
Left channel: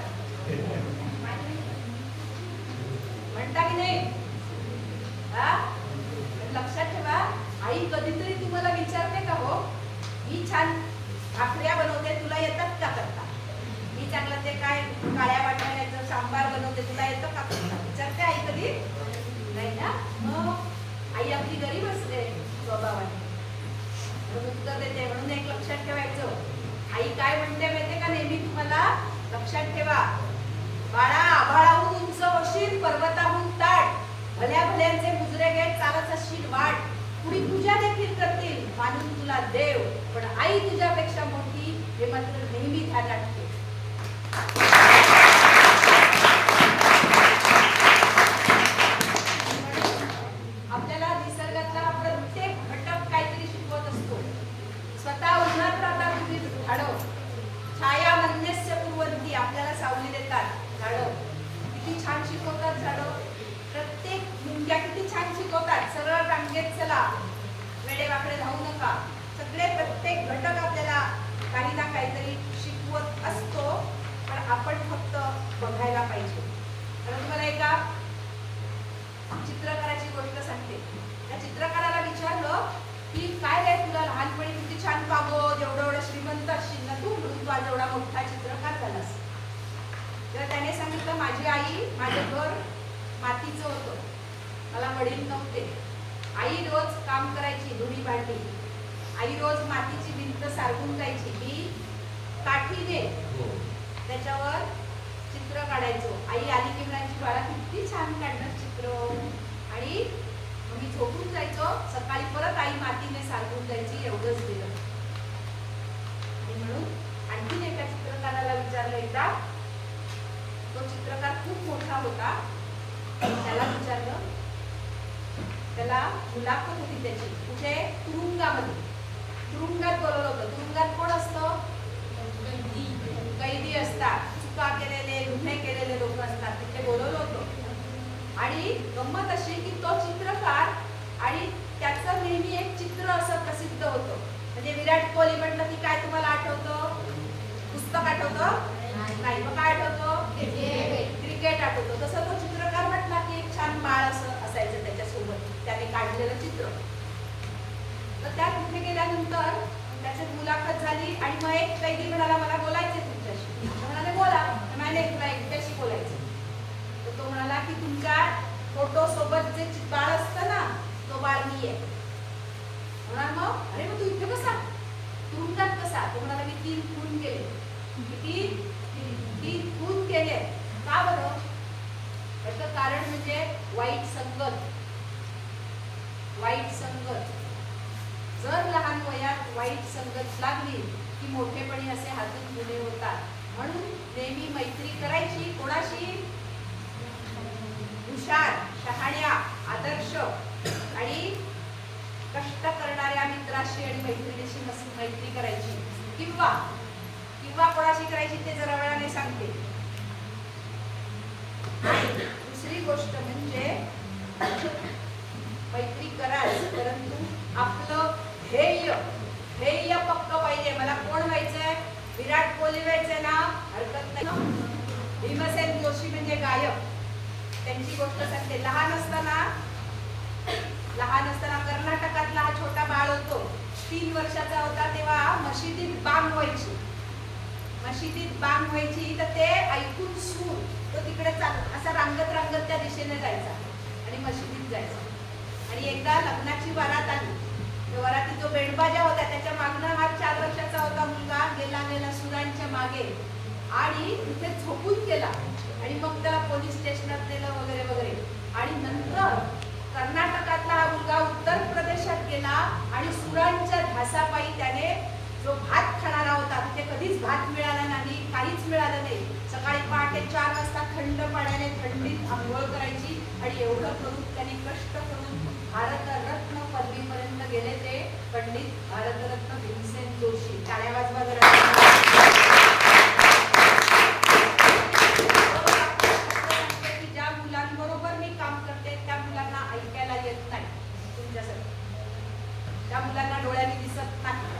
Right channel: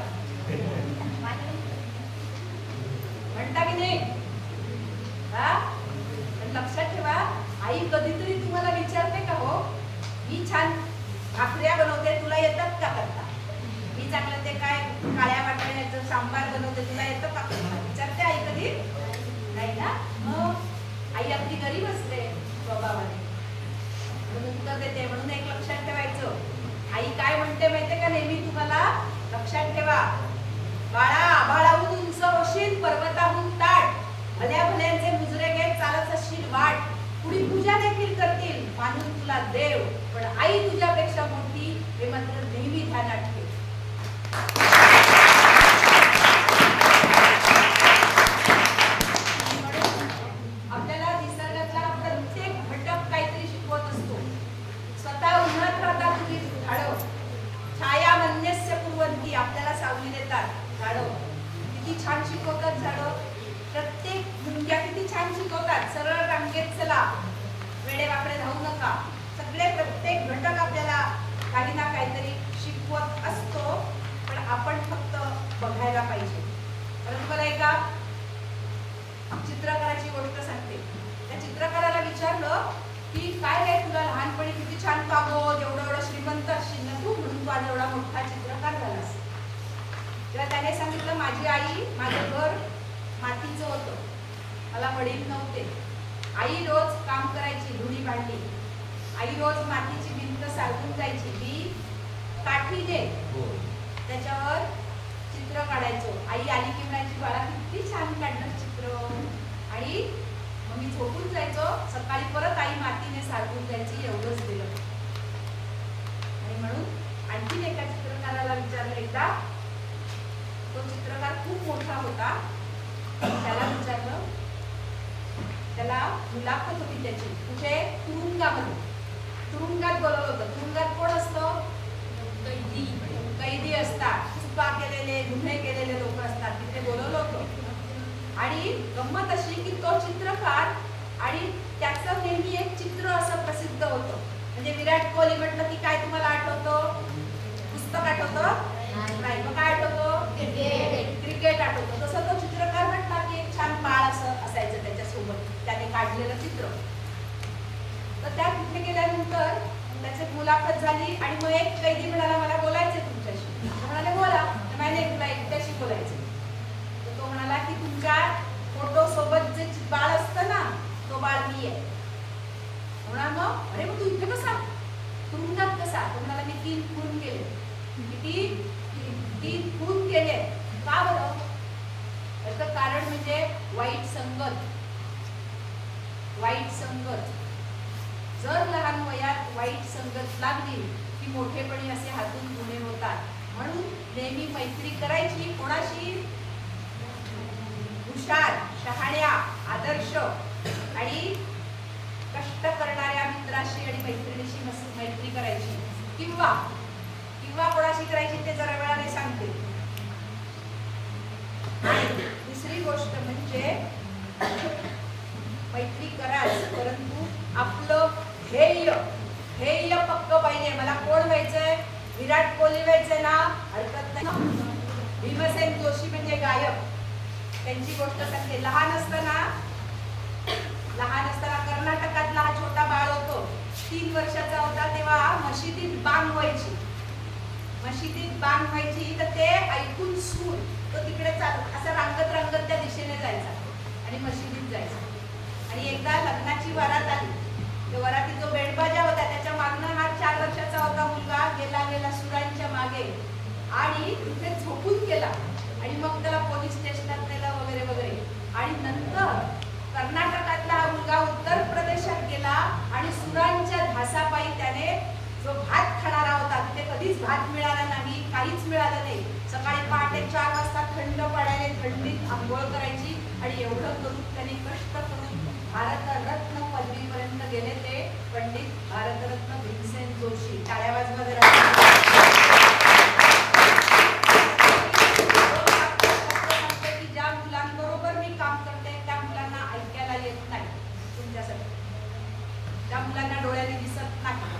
म्हणता की नाही? लक्षात ठेवा, आई कधीतरी तुम्हाला विचारते का, हो मी छान भाकऱ्या बनवते, तुला येतात का करता? मी चांगलं ते काय काळ्या वाटाण्याचं सांबार बनवते, तुला येतं का करता? विचारते आई कधी? नाही ना. मग आई आपली गरीब असते स्वभावाने, म्हणून उत्तर देते. म्हणून एक लक्षात ठेवायचं, आई काय म्हणते माहितीये का नेहमी तुम्हाला? लक्षात ठेवा, बाळा आभाळाहून उंच होशील, पर्वताहून ताट, भल्या भल्यांचे मुजरे घेत चालत असशील वाट, कुणी पूजा देखील करतील मानून तुला देव, पण आई तुझ्यापेक्षा मोठी हे मात्र नेहमी ध्यानात ठेव. आपल्याला निसर्गातला प्रत्येक घटक काहीतरी शिकवत असतो. स्वतः उन्हात राहता तुम्ही झाडं, छाया मन्यस्य कुर्वन्ति, आपल्याला सावली देतात झाडं. किती छान शिकवतात झाडं. प्रत्येक झुणक्या किती छान शिकवतात, सरळ रांगेत चला, वेडे वाकडे धावू नका. सगळे प्रत्येक घटक आपल्याला काही ना काहीतरी शिकवत असतो, पण आपण फक्त बघायला पाहिजे. तर तुम्हाला एका चित्रकाराची गोष्ट सांगते. त्या चित्रकाराला विचारलं की काय रे, तुला लहानपणी किती छान कागद, एवढं श्रीमंत असशील ना तू, म्हणून तू आज एवढा मोठा चित्रकार झालास. तेव्हा त्याने सांगितलं, माझी आई, माझं घर मातीचं होतं, मला वडील नव्हते. आई रोज काम करायची, धुणी भांडी. आई रोज मातीची भिंत सारवून जायची, मी काठीने त्याच्यावर चित्र काढायचो. आई आली की म्हणायची, बाळा किती छान काढणार चित्र. आणि मग मी झोपून जायचो, सकाळी परत आई मातीने सारवून जायची. एवढंच दिलं. आणि म्हणून आणखीन एका चित्रकाराला विचारलं एकदा, तो चित्रकार खूप मोठा होता, त्याला विचारलं, त्याला मुलाखत होती त्याची, कुठे? तुरुंगामध्ये. तुरुंगात बोलवलं होतं. तुरुंगात कोण असतं? कैदी असतात, चुका केलेले, गुन्हे केलेले लोक असतात, तिथे बोलवलं होतं. आणि गंमत अशी की तो चित्रकार आणि त्याचं नेहमी एक चित्र असं प्रसिद्ध होतं. म्हणजे विराट कोहली म्हटलं की काय तुम्हाला आठवतं? पुस्तक आठवतं? नाही. मग काय आठवतं? क्रिकेट आठवतं. तसं तो चित्रकार म्हटला की एक छान बाळ असं असायचं त्याच्यासोबत, त्याने काढलेलं चित्र. तर त्या तिथे गेल्यानंतर त्याच्यात मुलाखत झाली आणि मग एक कैदी म्हणाला मला बोलायचंय तुमच्याशी. तर म्हणाले बोला. तर म्हणाले तुला एकट्याशी बोलायचंय. तर तो म्हणाला की तुमच्या फोटो सोबत जे बाळ असतं ना तो बाळ मी आहे. म्हणाल मग अरे मग तू इथे कसा तुरुंगात कसा? तो म्हणाला मी 3 खून केले. किती? 3 खून केले. का बरं? त्याचं कारण म्हणजे वाईट संगत. वाईट संगत जर लहान वयात वाईट संगत लागली की मोठेपणी असे हातून गुन्हे होतात. म्हणून नेहमी मैत्री करायची कोणाशी? हुशार, शहाण्या, आदर्श आणि कष्ट करणाऱ्या मित्राशी आणि मैत्रिणीशी मैत्री करायची. किंवा कोणाशी करायची ते जरा वेळाने सांगते. आणि दुसरी गोष्ट म्हणजे मैत्री कराल परंतु आपलं ध्येय पक्क पाहिजे. मला कोण व्हायचंय? विराट कोहली व्हायचंय ना? हरकत नाही. भीमसेन जोशी म्हणजे गायक. त्यांची गोष्ट सांगते. लहान असताना कर्नाटकातला हा छोटा बाळ होतो. 3 वर्षाचा होता तेव्हा मशिदीत बांग व्हायची. तर ते ऐकून सूर तो तिकडे चालत असा रांगत त्या दिशेने जायचा आणि मशिदीत जायचा. आणि एकदा लग्नाची वरात आली. त्या वरातीत जो बेंडबाजा होता त्याच्या मागनं हा 4 वर्षाचा होता मुलगा गेला सुरांच्या मागे आणि तिथे झोपून गेला. आणि मग त्याला पोलीस स्टेशनात नेलं वगैरे. आणि नंतर कर्नाटकातला हा मुलगा उत्तर प्रदेशात गेला आणि सुरांच्या धासापायी त्याने जो भात खाणारा होता तिथे कधीच भात मिळाला नाही, काहीच मिळालं नाही. सकाळी पहाटे 4 वाजता थंड पाण्याने थंडीत आंघोळ करायची. आणि एवढं करून त्यांनी कष्ट करून भारतरत्न पदवीपर्यंत गेले ते पंडित भारतरत्न भीमसेन जोशी. टाळ्या वाजवा जरा. ज्या मुलांबरोबर मी काम करते त्या मुलांना ऐकायला येत नाही तुमच्यासाठी. त्या मुलांना डोळ्याने दिसत नाही.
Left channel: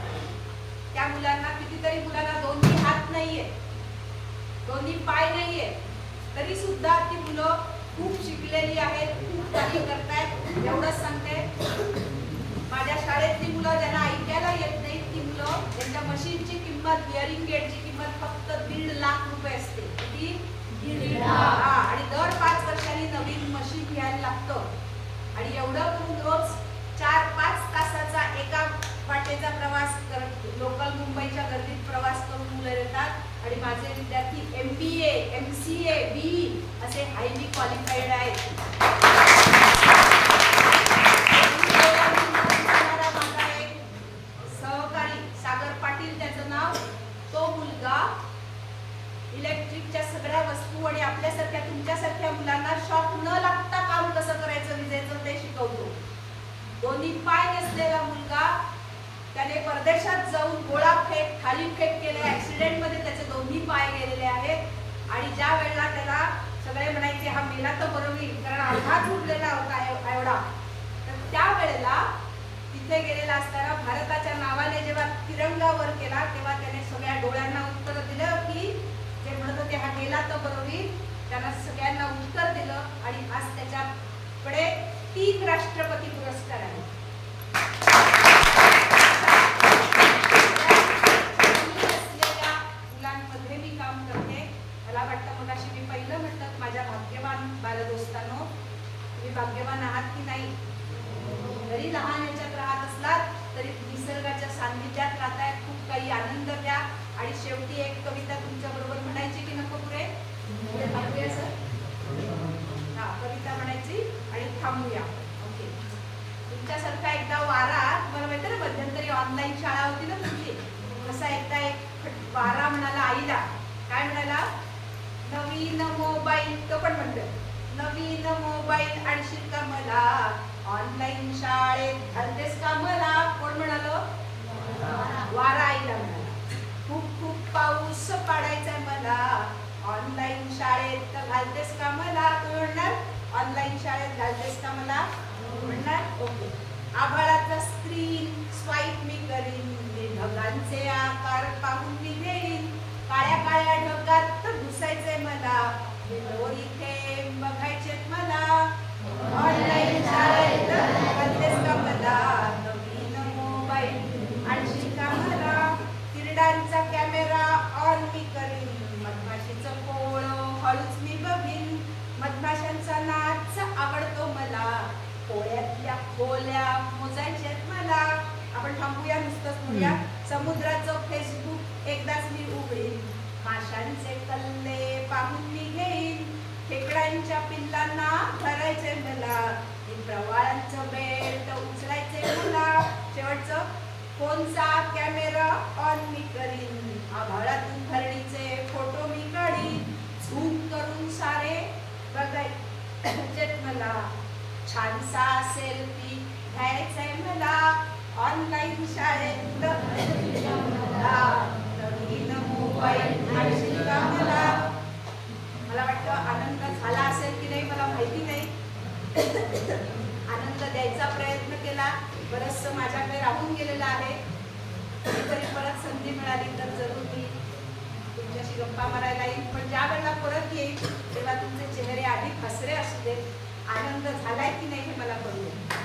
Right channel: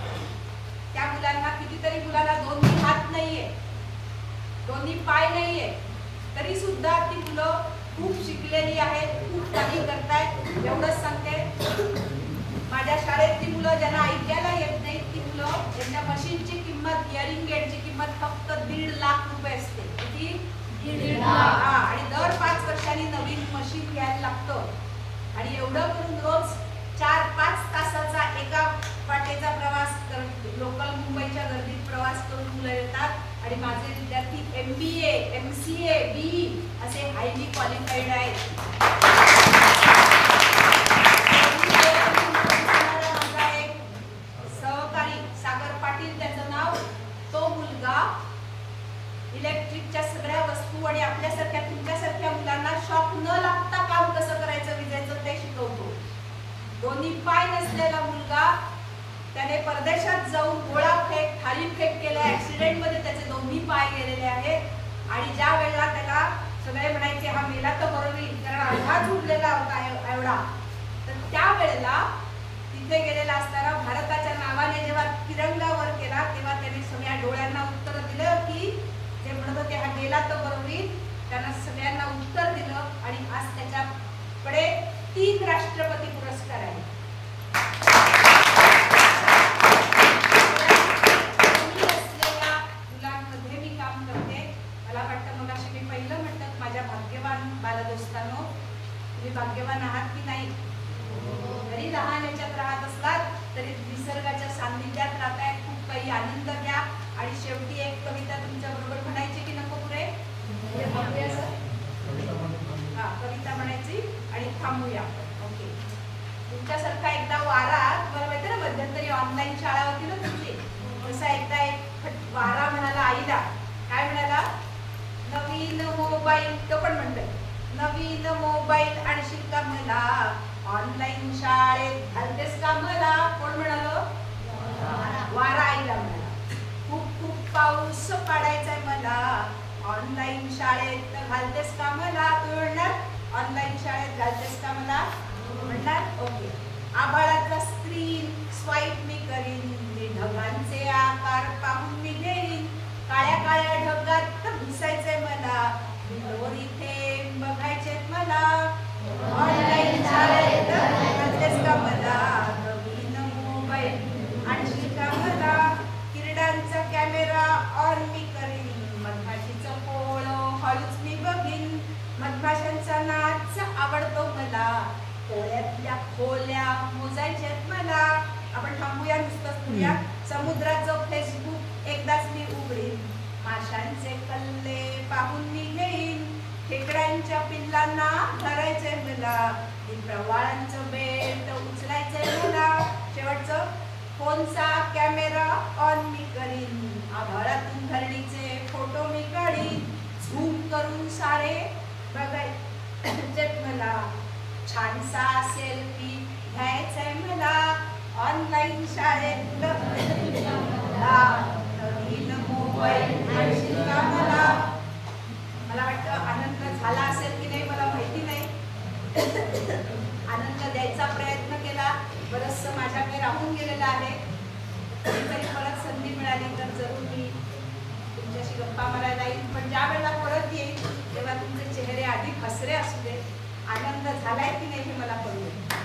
त्या मुलांना कितीतरी मुलांना 2 हात नाहीये, 2 पाय नाहीये, तरी सुद्धा ती मुलं खूप शिकलेली आहेत, खूप काही करतायत. एवढंच सांगते. माझ्या शाळेतली मुलं ज्यांना ऐकायला येत नाही ती मुलं त्यांच्या मशीनची किंमत, हिअरिंग एडची किंमत फक्त 1.5 लाख रुपये असते. किती? 1.5 लाख. आणि दर 5 वर्षांनी नवीन मशीन घ्यायला लागतं. आणि एवढं करून रोज 4-5 तासाचा एका वाटेचा प्रवास करत लोकल मुंबईच्या गर्दीत प्रवास करून मुलं येतात. आणि माझे विद्यार्थी MBA, MCA, BE असे हायली क्वालिफाईड आहेत. माझा एक सहकारी सागर पाटील त्याचं नाव. तो मुलगा इलेक्ट्रिकच्या सगळ्या वस्तू आणि आपल्यासारख्या तुमच्यासारख्या मुलांना शॉक न लागता काम कसं करायचं विजेचं ते शिकवतो. 2 पाय नसलेला मुलगा त्याने परदेशात जाऊन गोळाफेक, थालीफेक केले. ऍक्सिडेंटमध्ये त्याचे 2 पाय गेलेले आहेत. आणि ज्या वेळेला त्याला सगळे म्हणायचे हा मेला तर बरं होईल कारण आघात उडलेला होता एवढा. तर त्या वेळेला तिथे गेलेला असताना भारताच्या नावाने जेव्हा तिरंगा वर केला तेव्हा त्याने सगळ्या डोळ्यांना उत्तर दिलं की जे म्हणत होते हा गेला तर बरं होईल त्यांना सगळ्यांना उत्तर दिलं. आणि आज त्याच्याकडे 3 राष्ट्रपती पुरस्कार आहेत. मुलांमध्ये मी काम करते. मला वाटतं मग अशी मी पहिलं म्हटलं माझ्या भाग्यवान बालदोस्तांनो, तुम्ही भाग्यवान आहात की नाही? जरी लहान याच्यात राहत असलात तरी निसर्गाच्या सान्निध्यात राहताय. खूप काही आनंद घ्या. आणि शेवटी एक कविता तुमच्या बरोबर म्हणायची की नको? पुढे थांबूया सर. हा, कविता म्हणायची आणि थांबूया आपण. ओके. तुमच्यासारखा एकदा वारा, तुम्हाला माहिती ना मध्यंतरी ऑनलाईन शाळा होती ना तुमची, तसा एकदा एक वारा म्हणाला आईला. काय म्हणाला? नवीन मोबाईल. तो पण म्हणतोय नवीन मोबाईल आणशील का मला? ऑनलाईन शाळेत घालतेस का मला? कोण म्हणालो? वारा आईला म्हणाला. खूप पाऊस पाडायचाय मला, ऑनलाईन शाळेत घालतेस का मला? तू म्हणणार ऑनलाईन शाळेत घालतेस का मला? म्हणणार ओके. आभाळाचा स्क्रीन स्वाईप मी करीन, मी ढगांचे आकार पाहून मी घेईन, काळ्या ढगात घुसायचंय मला, दोरी थेंब बघायचेत मला, ऑनलाईन शाळेत घालतेस का मला? नवीन मोबाईल आणशील का मला? खोल्या मोजायच्यात मला. आपण थांबूया, नुसतंच म्हणूया. समुद्राचं फेसबुक एकदाच मी उघडीन, माशांचे कल्ले पाहून मी घेईन, खेकड्यांच्या पिल्लांना धरायचंय मला, प्रवाळांचं बेल्ट उचलायचंय मला. शेवटचं, फोनचा कॅमेरा ऑन मी करीन, आभाळातून धरणीचे फोटो मी काढीन, झूम करून सारे बघायचेत मला, छानसा सेल्फी घ्यायचाय मला, ऑनलाईन शाळेत नवीन मोबाईल आणशील का मला. मला वाटतं आनंद झाला असेल की नाही मला माहिती नाही. आनंद द्यायचा प्रयत्न केला, बरंचसं माझ्याकडे राहून गेलेलं आहे. कधीतरी परत संधी मिळाली तर जरूर मी तुमच्याशी गप्पा मारायला येईल, पण ज्या वेळेला परत येईल तेव्हा तुमचे चेहरे अधिक हसरे असू दे. आनंद झालाय की नाही हे मला कळू दे.